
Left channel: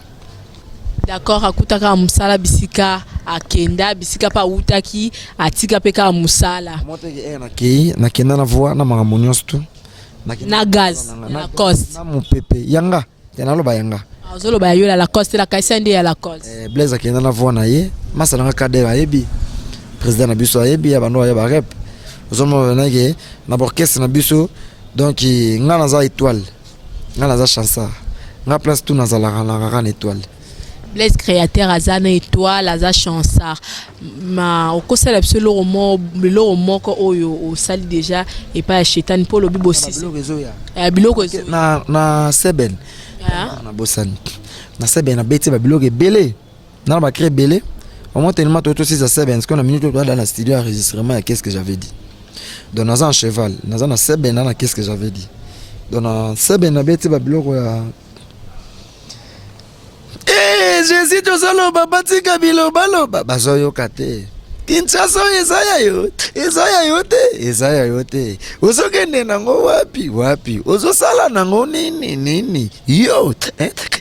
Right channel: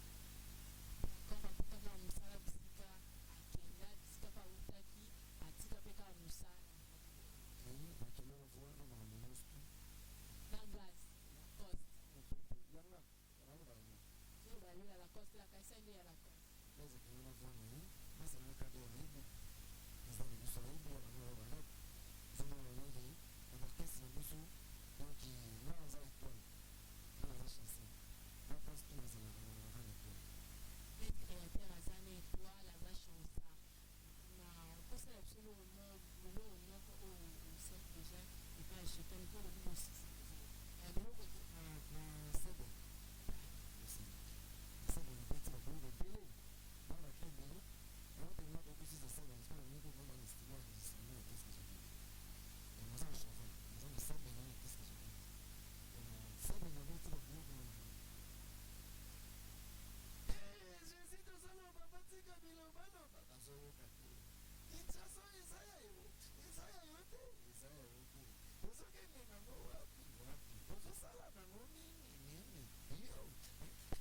d'accord akutaka musala bisika akenda bisika pa utaki atika peka musala moteke na kei na kenda na voix na makambo nyonso tu na gaz na cost na mupepe yanga tena loba yanga azolo ba yola la cost la kaisa ndi ya la cost Blaise akenda na voix na ye masala nga kadera ayebi président na biso ayebi ya bando ya ba rep Ozomo venage na orchestre na biso donc nga naza étoile nga naza chansard nga place tout naza la étoile Blaise créateur azana étoile aza chansard ma okosala absolument lo moko oyo o sali déjà et pas Chétan pour le bibosi biloko na Seben na bosani na Seben na beti ba biloko belé na ba créer belé Au moins tellement tout aussi ça c'est bien parce qu'on a minute dans la studio enregistrement qu'est-ce que j'avais dit. Dans un cheval, dans un c'est bien dans qu'est-ce que j'avais dit. Dans un c'est bien na bête ba biloko ya. Eh, Jésus to solo baba tika biloba loba bazoyo kate. Kinshasa Isaya yote. Uzokende nango wapi. Uzosala nango nini. Yo,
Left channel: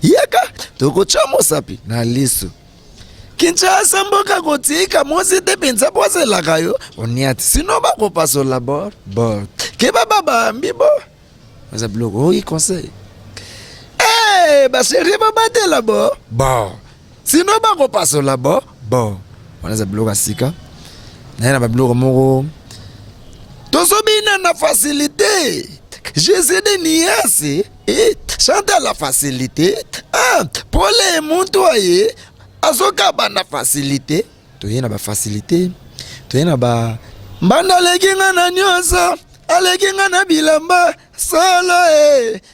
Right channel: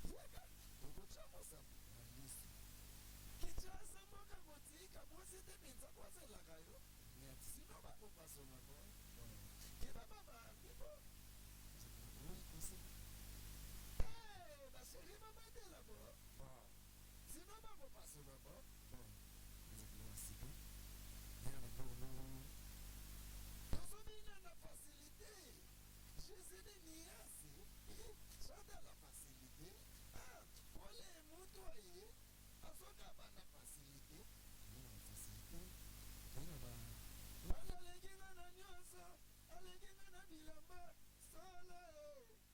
yaka tokochamo sapi na liso. Kinshasa mboka kotika mosi te penza posela kayo. Oniati sino ba ko paso la bord. Ke baba ambibo. Za blogo oui conseil. Eh, ba chérie baba te la bord. Bon. Sino ba ko paso la bord. Bon. On a bloga sika. Na ba bloga moko. Tosobina na facilité. Jésus de niasi et chante la facilité. Ah, pour les montoyer. Azoka bana facilité. Toyena ba facilité. Toyena ba mbanda leginga na nyosa. Aleginga na bilamba solo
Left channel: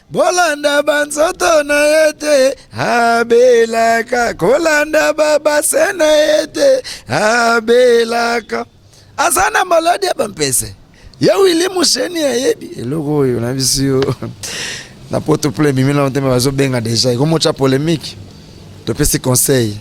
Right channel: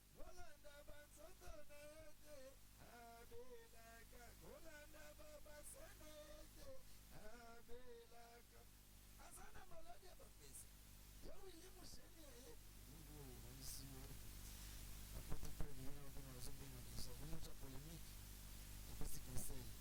bolanda banzoto na yete abelaka kolanda baba sena yete abelaka asana maladi bampese ya wili musheni ya yebi eloko oyo na bisio na poto ple mimila nteme bazo benga deja ikomo cha polémique to pesi conseil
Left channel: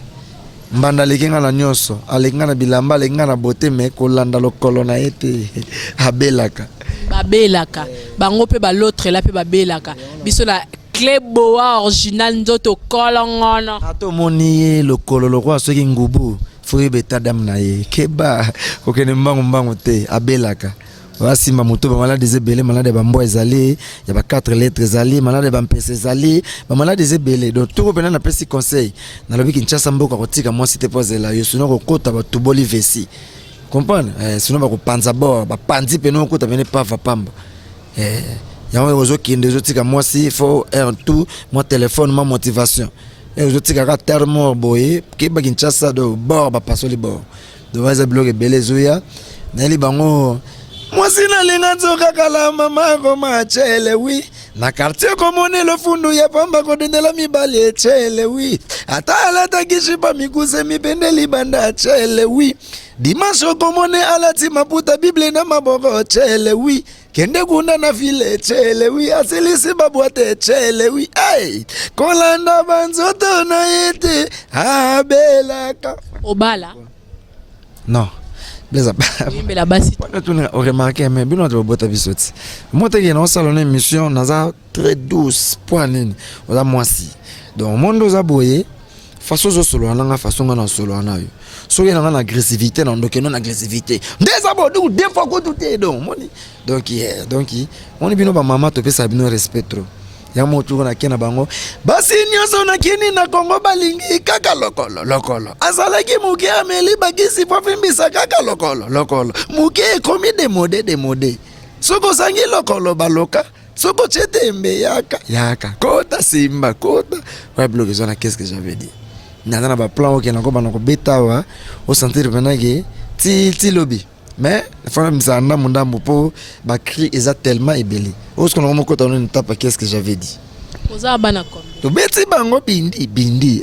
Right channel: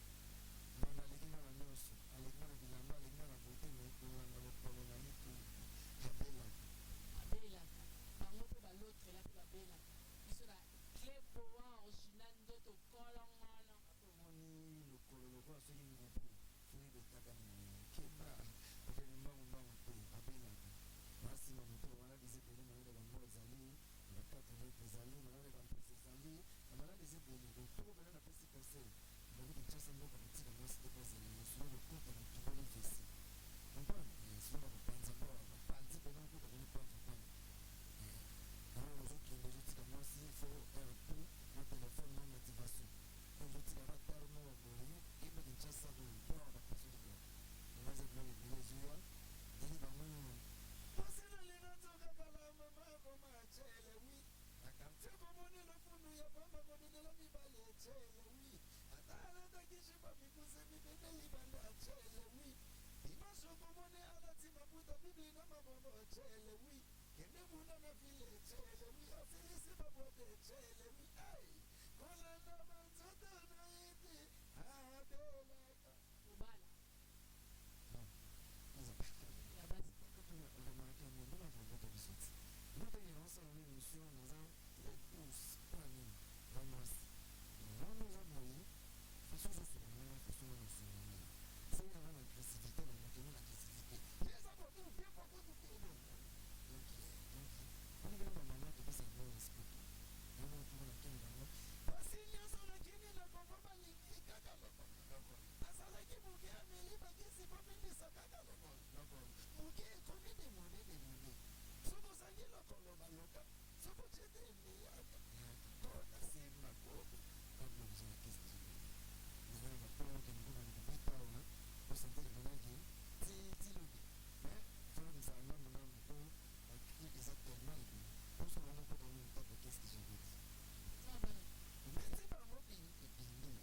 mbanda leginga na nyoso aleginga na bilamba aleginga na bote me kolanda lokolo na yete abelaka babelaka bango pe ba l'autre là pe babelaka biso la clé boa original nzoto kolongona ato moni lokolo lokwa soki ngubu fuyi beta dam na ye keba okene mbangu te abelaka wasimba moto ba malade ezebele malade ba mbo ezali ya ba 4 lettres ezali malade ba mpese ezali ba malade ezebele donc tout pena na pesi conseil na lobi Kinshasa mboka kotika moi cité posela yo sino ko kota ba tuboli vesi. Comprendre sinon ba ko panza bord ba panzi pe no ko ta venir pava pamba ya on ozo kinde zo tika moi si faut un tout mon téléphone ma motivation ozo tika ka terme boye ke ba Kinshasa do bord ba pasoli bord do vaza blog belé zoya na li bango moi si na linga nzoka kala mama ko ma chele oui na quartier komone le fundu ya pamba ko dendela mibali chele oui ata ala takishi pa mikuse mipende libanda chele oui dimanche komone alati maputa bible na maboko chele oui kende kuna na file chele oui asilisi babwate chele oui ay kolanda banzoto na yete abelaka obala non Blaise la basi tu as remarqué mais bien notre boîte à bisouti moi t'es dans salon émission naza très douce poinine oza mwasi donc monde oza boye façon zo solo na façon na solo na yo so y a une agressivité non donc non agressivité des abodou des fois ko tout est donc donc on est bien ba maman to pesa bino respect trop ya motu na kena bango basi nyoso na kini na Kongo balingi kaka lokolo azalaki muke ameli bagisi pofimbisa kaka lokolo muke komi demode soko sangi lokolo baloka soko chetembe yaka kota simba kota ouais bloqué zona qu'est-ce que j'avais dit nana ba plan ok na ko banako betawa au sentir venage ti lobby mais faut me ça na mundambo po ba cri tellement ébélé o ce qu'on a mon côté on tape qu'est-ce que j'avais dit oza bana comme to beti bango bindi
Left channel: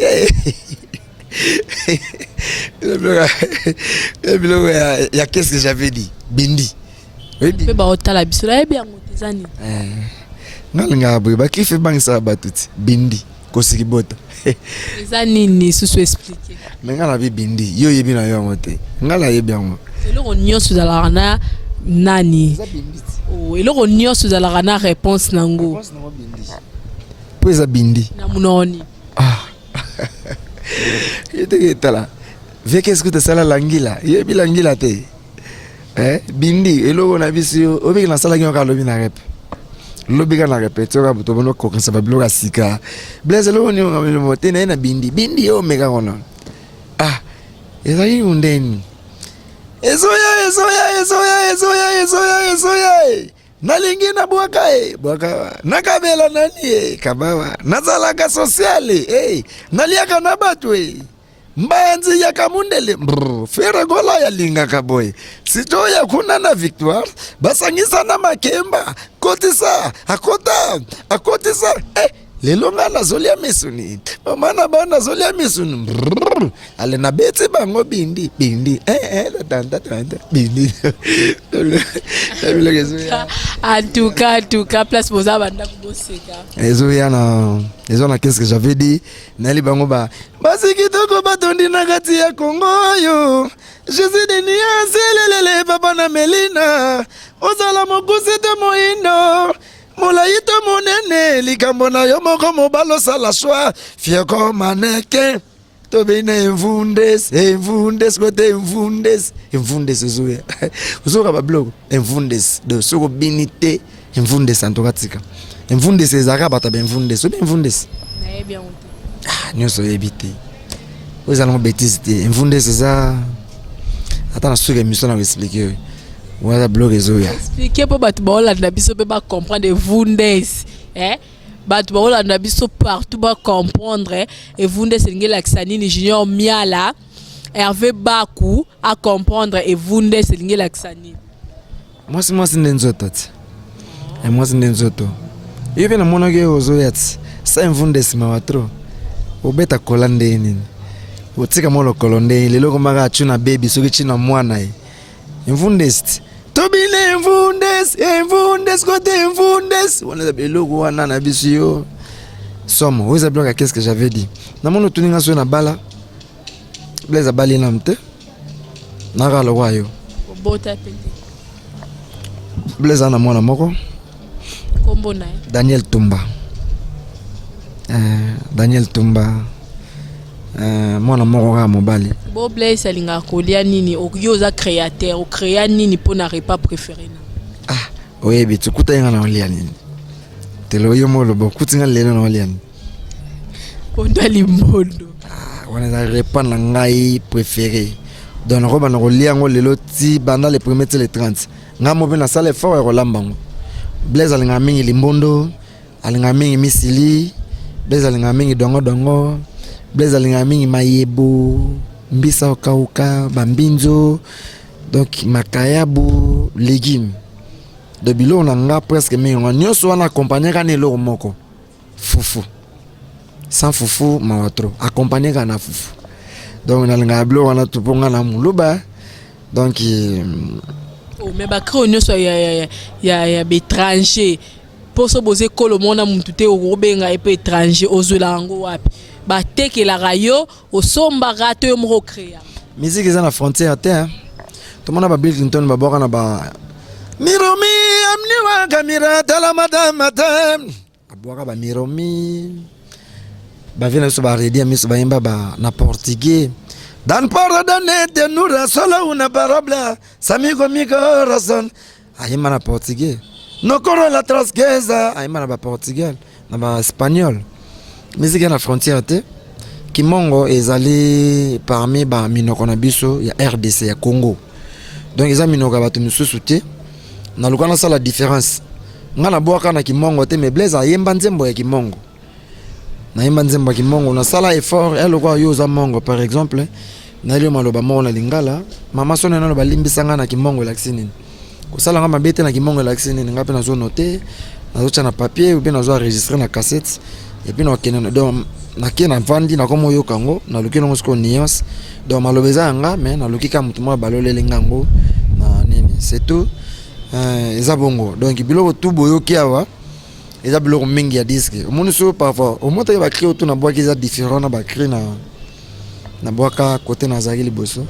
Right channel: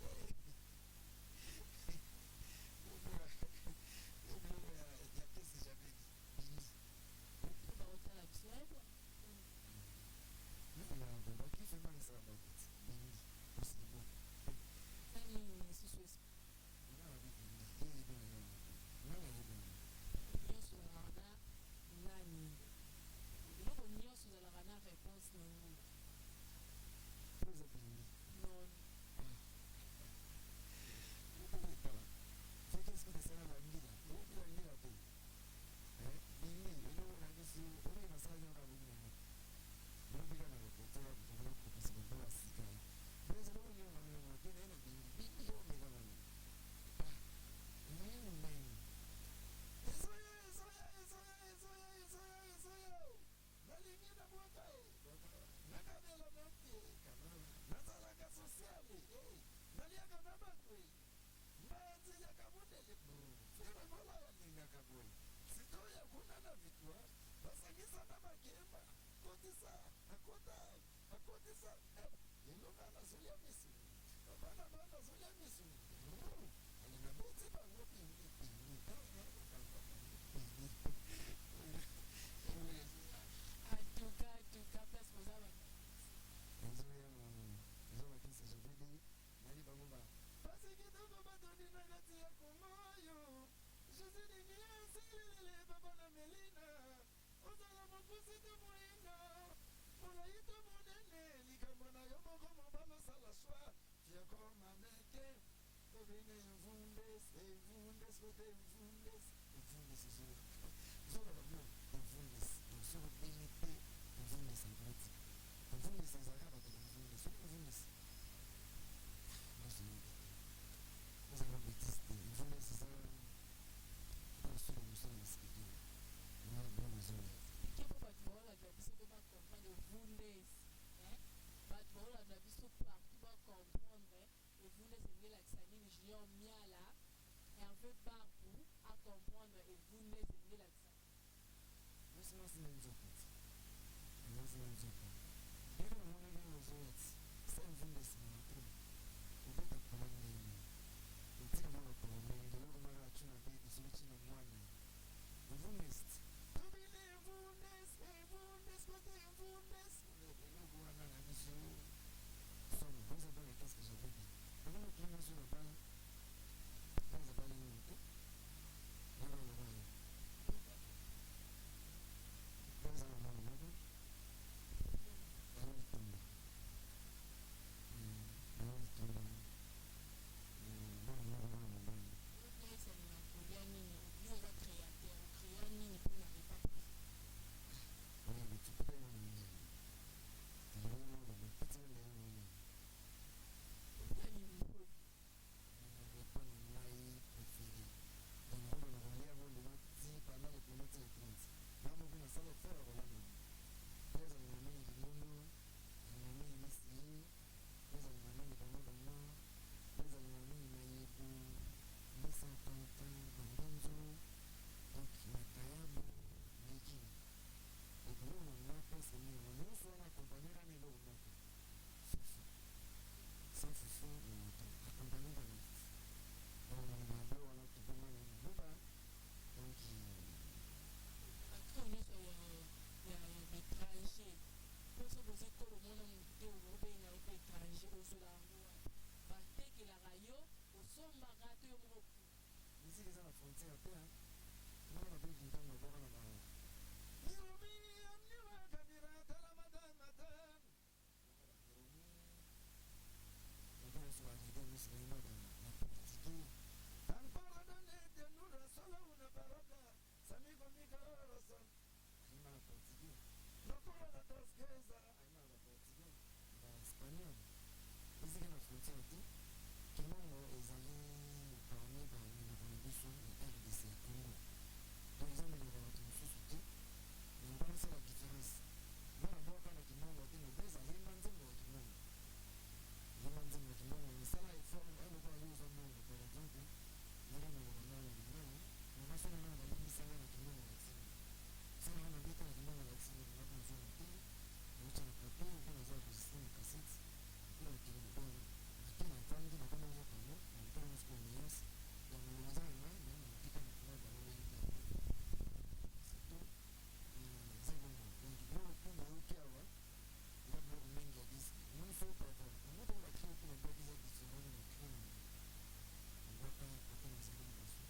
ya qu'est-ce que j'avais dit bindi pe ba otala biso la bien ngotezani ngalinga boy ba kife bangisa batuti bindi kosiki bota ezani ni susu expliquer mais ngala bi bindi yo yebi na yo ngote ngala yebi ngo eloko nyonso ezalaka na nani eloko nyonso ezalaka na réponse nango po eza bindi na munoni yete tala ve qu'est-ce que tu sala langila yebi langila te bindi eloko na biso obi na sala ngaka lobi na rep lobi ka na répéter ka buto bono ko kansa babloka sika blaze eloko ni ngam mote na bindi yo mega kono eza yi undeni ezoya nalingi na bwaka nakabela nani kabawa nazalaka sociale naliaka na batu mbanzi ya kamundele fere gola ya linga kaboy sitoya kuna na victoire basangisa na makemba kotisa akotisa lelo nga nazolia misuni omana bana zolia misuni ale na beti bango bindi la tanta bindi en tout cas place boza banda kuboseka ezoya na qu'est-ce que j'avais dit nali bango ba basi kitoko batondi na kati ya Kongo yo Jésus de niaselelele papa na Melina ozala mokusi te moindo Molaito monene likambo na yo moko mobalo sala choix fier comme mannequin to bine envundes kote envundes zoya uzoka ba blog envundes de soko binité envundes antokatika envundes ezaka bata ben envundes obi envundes na bien nyoso ebité ozala mo bêtise te envundes za atana suka émission na expliquer voilà blog ezoya expliquer pour bat baolanda biso pe ba comprendre vundes bat baolanda biso partout ba comprendre et vundes ngela ksanini junior miala Hervé Bakou à comprendre et vundes ngela ksanini moi c'est ndenzoto et moi c'est ndenzoto hivi na mona ke ozoya sa vundes ma watro obeta kolande nini otika molo kolonde lelo ko maka chuna baby soki china mwana vundes Tobine envundes, côté envundes. On a des logos, on a des bisous. Somme, vous avez qu'est-ce que j'avais dit. Dans mon tuninga sur la bala, blaise à bali namte. Nara le royaume. Blaise à namona moko. Daniel Tumba. Daniel Tumba. Mwana moko ga mobali. Bo Blaise alinga kolia nini okyoza créateur o créa nini pona repas préféré na. Oui bitu kuta nga na olia nini. Telo yo molo bo kutinga lelo na olia nini. Ponda limbondo. Wana za repas na ngai préféré. Donc roba na olia ngo lelo ti banda les premiers les 30. Nga mo bena sala fort e rolambango. Blaise alinga mingi limbondo, alinga mingi misili, Blaise alinga mingi dongo. Blaise alinga mingi mayebo, mbisa okauka, bambinzo, donc makayabu, légumes. De bilo on a presque mingi, on nyoso wana accompagné kane lo moko. Fufu. Sans fufu mawatro, accompagné kana fufu. Donc on a linga bilo wana tuponga na muluba. Donc mais ba creo nyoso ya bétranger. Pour se poser kolo mona mutute obenga epe étranger ozulango wapi. Ba teke la rayo o somba rato yo moko créa. Musique eza na frontière te. To mona ba Bill Clinton ba boka na ba Miromi amni wa kamera tala madam. Aboka ba Miromi. Ba vina so ba redia miso ba imba ba na portugais. Dan para danete nura solo una parabla. Samigo migo razon. Ayima na portugais. No corro la trasqueza. Ayima na ba portugais, na ba espagnol. Musique na frontière te Kimongo ezali parmi ba minoko na biso ya RDC ya Congo. Donc eza minoko ba tumususu te na lukana sala différence. Ngana boaka na Kimongo te mais Blaise ayemba nzembo ya Kimongo. Na yemba nzembo ya Kimongo na sala effort elo kwa yoza mongo par exemple na lio maloba mona lingala mama sone na ba limbisanga na Kimongo laksini. Ko sala ngama bete na Kimongo laksini ngape na zo noter na zo na papier ou bien na zo enregistrer na cassette. Et puis donc na kena vandi na komo yo kango na lukino ngosko nuance donc malobeza nga mais na lukika mutu mo balolele ngango na nini c'est tout eza bongo donc biloko tout boyo kiawa eza biloko mingi ya disque omoni so parfois au moins ba créer tout na bois qui est différent na ba créer na boaka côté na zaki liboso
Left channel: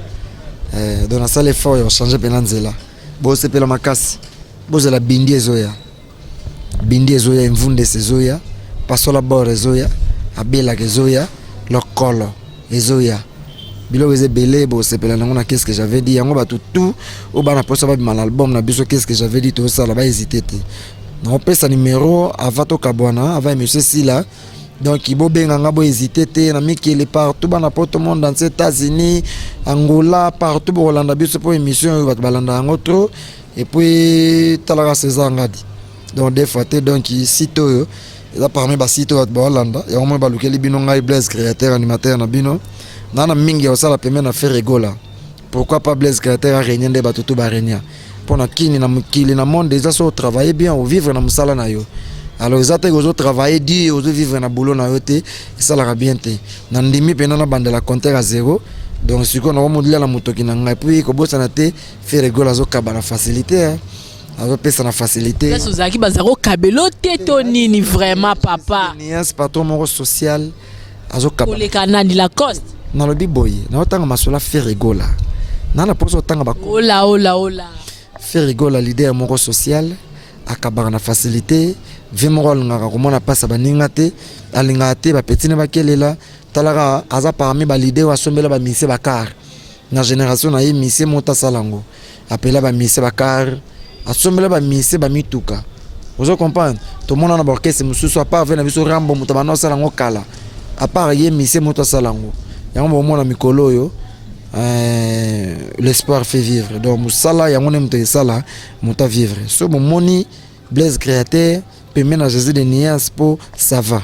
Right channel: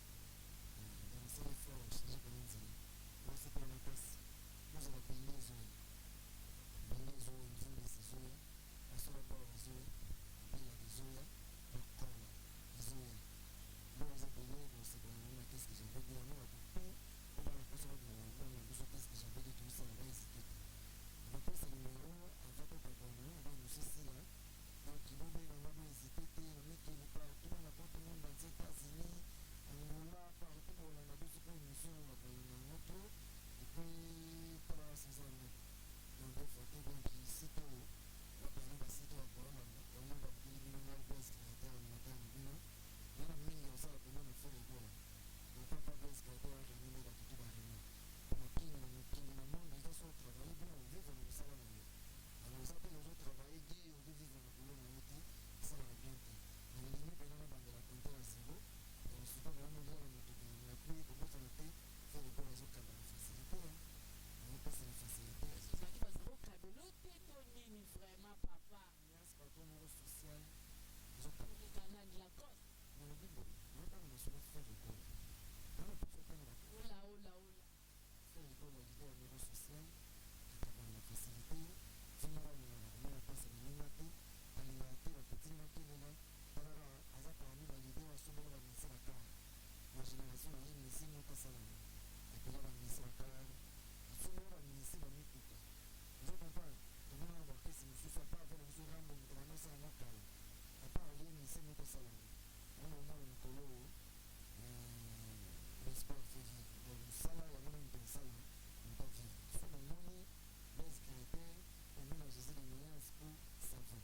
donc na salle fort yo changer penanzela bo se pela makasi bo za la bindi ezoya mvunde sezoya pasola bord ezoya abela kezoya lokolo ezoya bilo eze belé bo sepela nango na qu'est-ce que j'avais dit yango ba tout au bana posa ba mal album na biso qu'est-ce que j'avais dit tout ça là ba hésiter te na pesa numéro avato kabwana ava monsieur Sila donc ibo benga ngabo hésiter te na mikele partout bana poto monde dans les États-Unis Angola partout bo Hollande biso pour émission ba balanda ngo trop et puis talaka César ngadi donc des fois donc ici to eza parmi ba site wa Hollande ya omo ba lukeli bino ngai Blaise créateur animateur na bino nana mingi ya sala pemena faire rigola pourquoi pas Blaise créateur a régner nde ba tutu ba régner pour na kini na mukili na monde déjà so travailler bien ou vivre na musala na yo alors ils ont travaillé dit ils ont vivre na boulot na yote et ça la bien té na ndimi pena na bande la compteur à zéro donc ce qu'on a modulé la moto qui n'a puis ko bossa na té faire rigolo azo kabana facilité hein azo pesa na facilité là sozaki bazaro kabelo teto nini vraiment papa ni un patron mon social azo kabana le canal la coste na lobi boy na otanga masola faire rigolo na la poso otanga ba ola faire rigolo leader mon social akabana na facilité vimorol ngaka komona pasa baninga te alinga te ba petine bakelela talaka aza parmi ba leader wa sombela ba mise bakar na génération na ye mise mota salango apela ba mise bakar asombela ba mise ba mituka vous comprenez tout le monde na orchestre mususu a part na biso rambo mutabana salango kala a part ye mise mota salango yango mona mikolo yo l'espoir fait vivre donc musala yango ne mte sala muta vivre so moni Blaise créateur permet à Jésus de Nias pour ça va.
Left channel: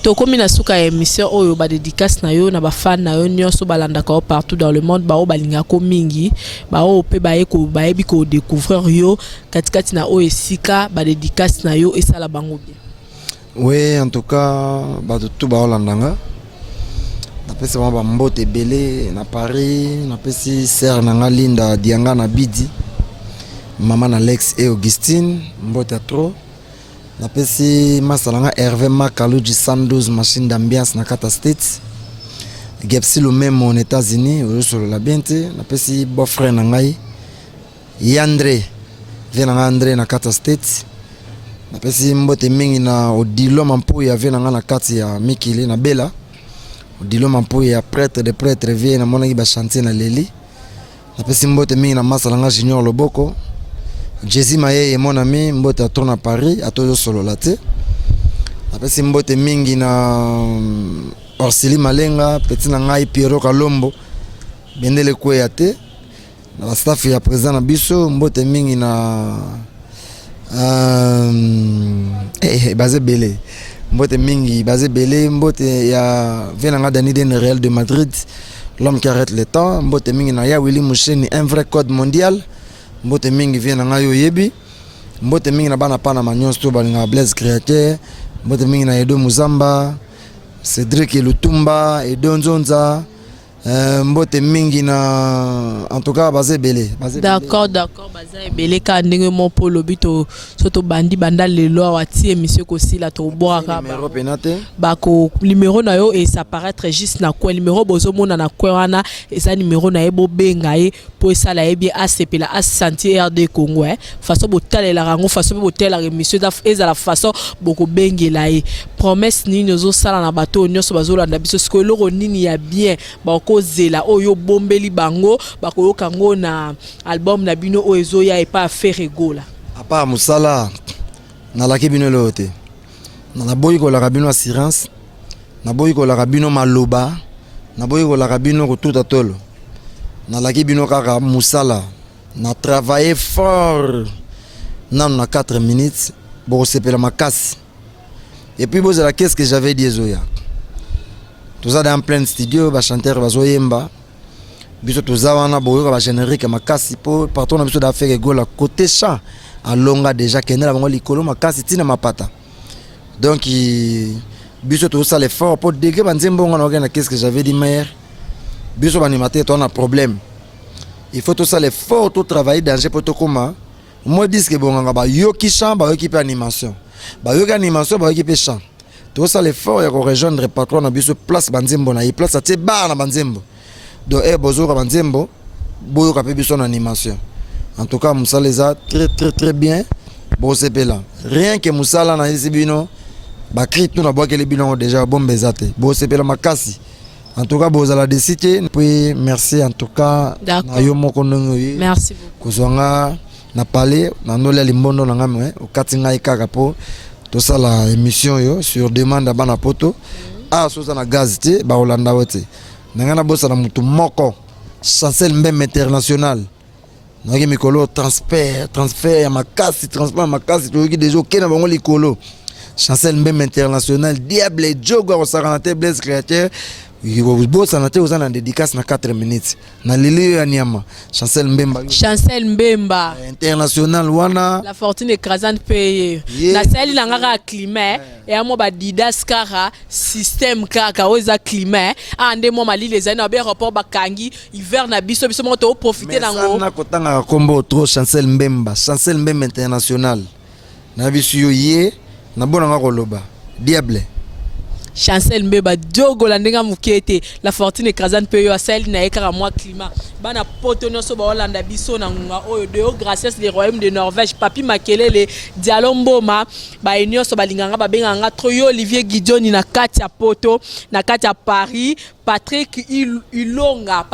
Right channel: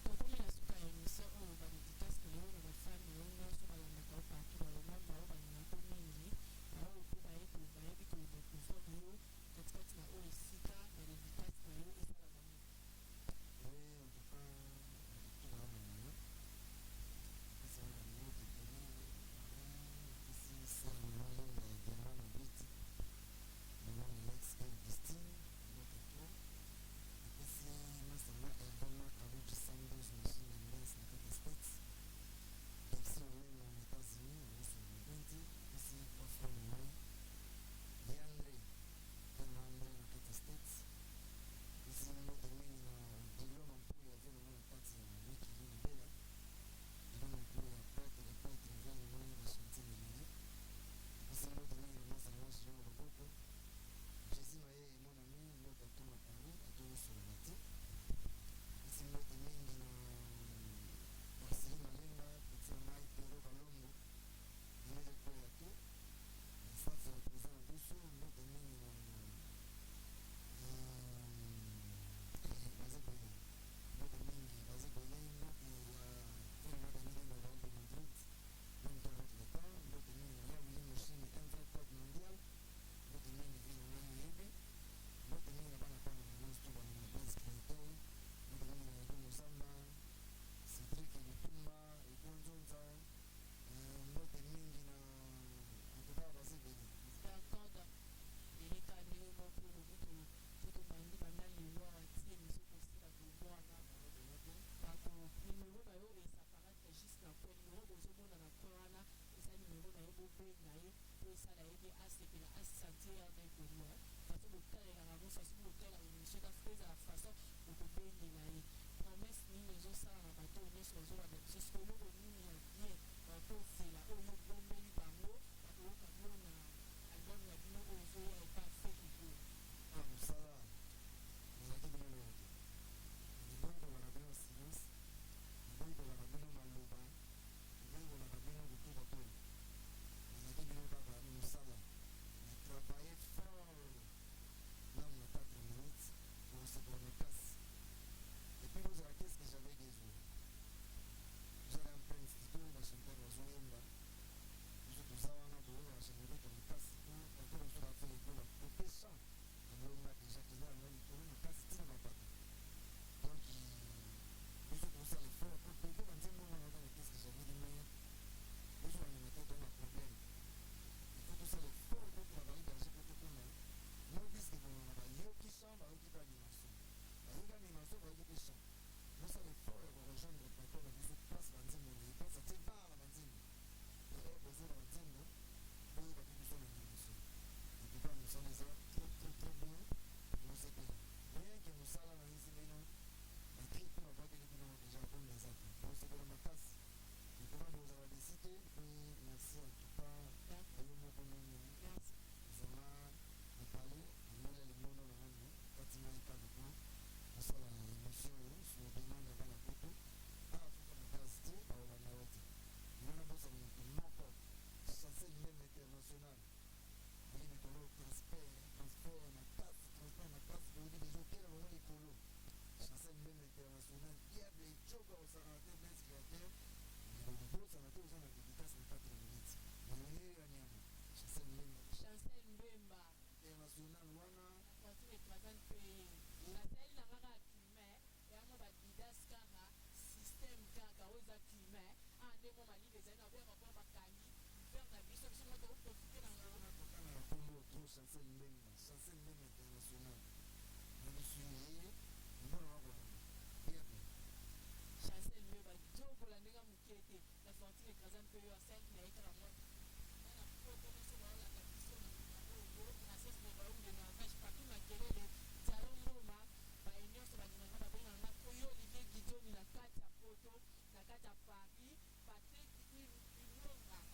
Tokomi na suka émission oyo ba dédicace na yo na ba fan na yo nyonso balanda ka partout dans le monde ba o balinga ko mingi ba o pe ba eko ba ebi ko découvrir yo katikati na o esika ba dédicace na yo esala bango bien. Oui, en tout cas ba tout ba olandanga. Na pesa ba mbote belé na Paris, na pesi sœur na Linda Dianga na Bidi. Maman Alex et Augustine, Mbota trop. Napesi Masalanga Hervé Makaluji 112 machine d'ambiance na Kata States. Gepsi le même aux États-Unis, au sur la biente. Napesi beau-frère Nangai. Yandre, vient André na Kata States. Napesi Mbote mingi na Odilo Mampo ya vient na Kati ya Mikili na Bella. Odilo Mampo ya prêtre de prêtre vient na mona ba chanter na Leli. Napesi Mbote mingi na Masalanga Junior Loboko. Jésus Maye et mon ami Mbote a tourné à Paris à toujours solo là tu après si Mbote mingi na Orsili Malenga petit na ngai Piero Kalombo bendele kweyate na staff ya présent na biso Mbote mingi na basé belé Mbote mingi basé belé Mbote ya venanga Dani Den Real de Madrid l'homme qui arrête le temps Mbote mingi na ya Willy Moucheni un vrai code mondial Mbote mingi vient na yo yebi Mbote mingi na bana pana manyonso to balinga Blaise créateur Mbote mingi na Edo Muzamba Cédric Lutumba Edo Nzonza Mbote mingi na en tout cas basé belé d'accord basé belé ka ndenge mon polo bito soto bandi banda lelo wati émission ko sila to boaka numéro penate bako numéro na yo et ça paraître juste na quoi numéro bozo mona na quoi wana et ça numéro na ebo benga e pour ça la bien ACP la Santé RD Congo façon botalela rango façon botela émission da ezala façon boko bengela e promesse ni nozo sala na bato nyonso bazolanda biso ce que loro nini ya bien bako zela oyo bombeli bango bako kango na album na bino oezo ya e pas faire rigola à part musala na la kibino lote na boyi ko la rabino assurance na boyi ko la rabino maloba na boyi ko la rabino ko tout atolo na la kibino kaka musala na travailler fort na 4 minutes pour sepela makasi et puis bozala qu'est-ce que j'avais dit zoya tout ça dans plein studio ba chanteur bazoyemba biso tozawana boyoka ba générique makasi pour partout na biso d'affaire gola côté chant alonga déjà kenela bango likolo makasi tina mapata donc biso tout ça l'effort pour déguer banzembo ngana na qu'est-ce que j'avais dit mère biso banimateur toi on a problème il faut tout ça l'effort tout travailler danger pour tout comment moi dis que bon ba yoki chant ba yoki animation ba yoki animation ba yoki chant tout ça l'effort ya ko rejoindre patron na biso place banzembo na place atie bar na banzembo donc bozo ka banzembo boyo ka pe biso na animation en tout cas musala za très bien bon c'est là rien que musala na isibino ba cri tout na bois que les bilans déjà bon bezate bon c'est là makasi en tout cas bozala décider puis merci en tout cas na yo moko ndongo merci beaucoup kozwanga na parler na nola limbondo na ngame o katinga ikaka po tout ça la émission yo sur demande bana poto soza na gaz te ba olanda wote nangana bossa na mutu moko Chancel Mbembe international naki mikolo transfert ya makasi transport makasi to déjà okena bango likolo Chancel Mbembe international diable jogo au saranate Blaise créateur bosa na te oza na dédicace na 4 minutes na lili ya Niama Chancel Mbemba international wana la fortune écrasante payé na sali la ngaka climat et amo ba didas kara système kaka oza climat ande mo mali les années ba rapport ba kangi hiver na biso mo to profiter nango na kotanga kombo trop Chancel Mbemba international na biso ye na bona ngako loba diable Chancel Mbemba Diogo la ndenga mukete la fortune écrasante pe yo asali na ekara moi climat bana poto no so ba Hollanda biso na ngunga oyo de grâce les royaumes de Norvège papi makelele dialomboma ba union so balinganga ba benganga troyo Olivier Guidoni na kati ya poto na kati ya Paris Patrick Ilonga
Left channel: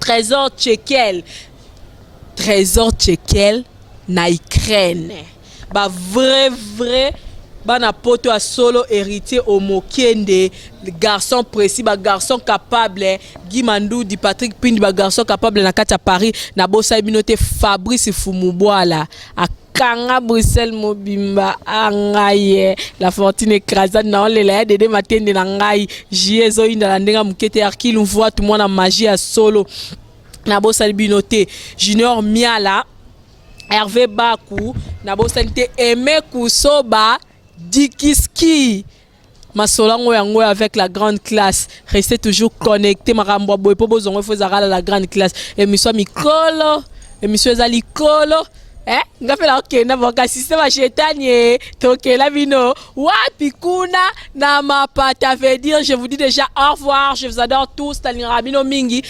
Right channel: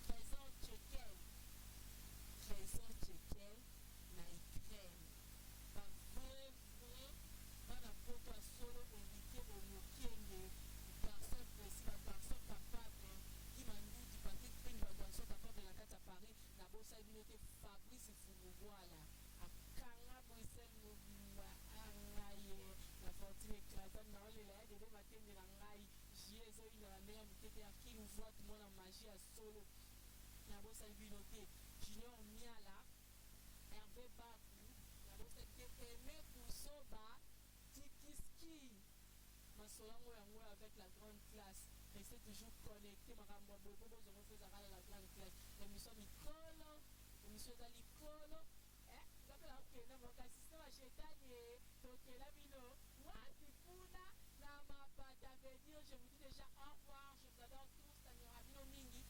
Trésor Tchekel na Ukraine ba vrai bana poto a solo héritier au Mokende garçon précis ba garçon capable Guy Mandoudi Patrick Pindi ba garçon capable na kati ya Paris na bosa binote Fabrice Fumubwala akanga Bruxelles mobimba angaye la fortune écrasante na olela dede matende na ngai jiezo inda la ndenga mukete arkilu voit tout mwana magie à solo na bosa binote Junior Miala Hervé Bakou na bosa te Aimé Kusoba Dikiski Masolango yango avec la grande classe. Restez toujours connectés. Marambo boy pobo zongo fozara la grande classe. Émission Mikolo, émission Zalikolo. Ngafela okenda boka système chetanie. Tokela vino. Wapi kuna na mapata veut dire je vous dis déjà au revoir. Je vous adore tous. Talinga Rabino Mingi.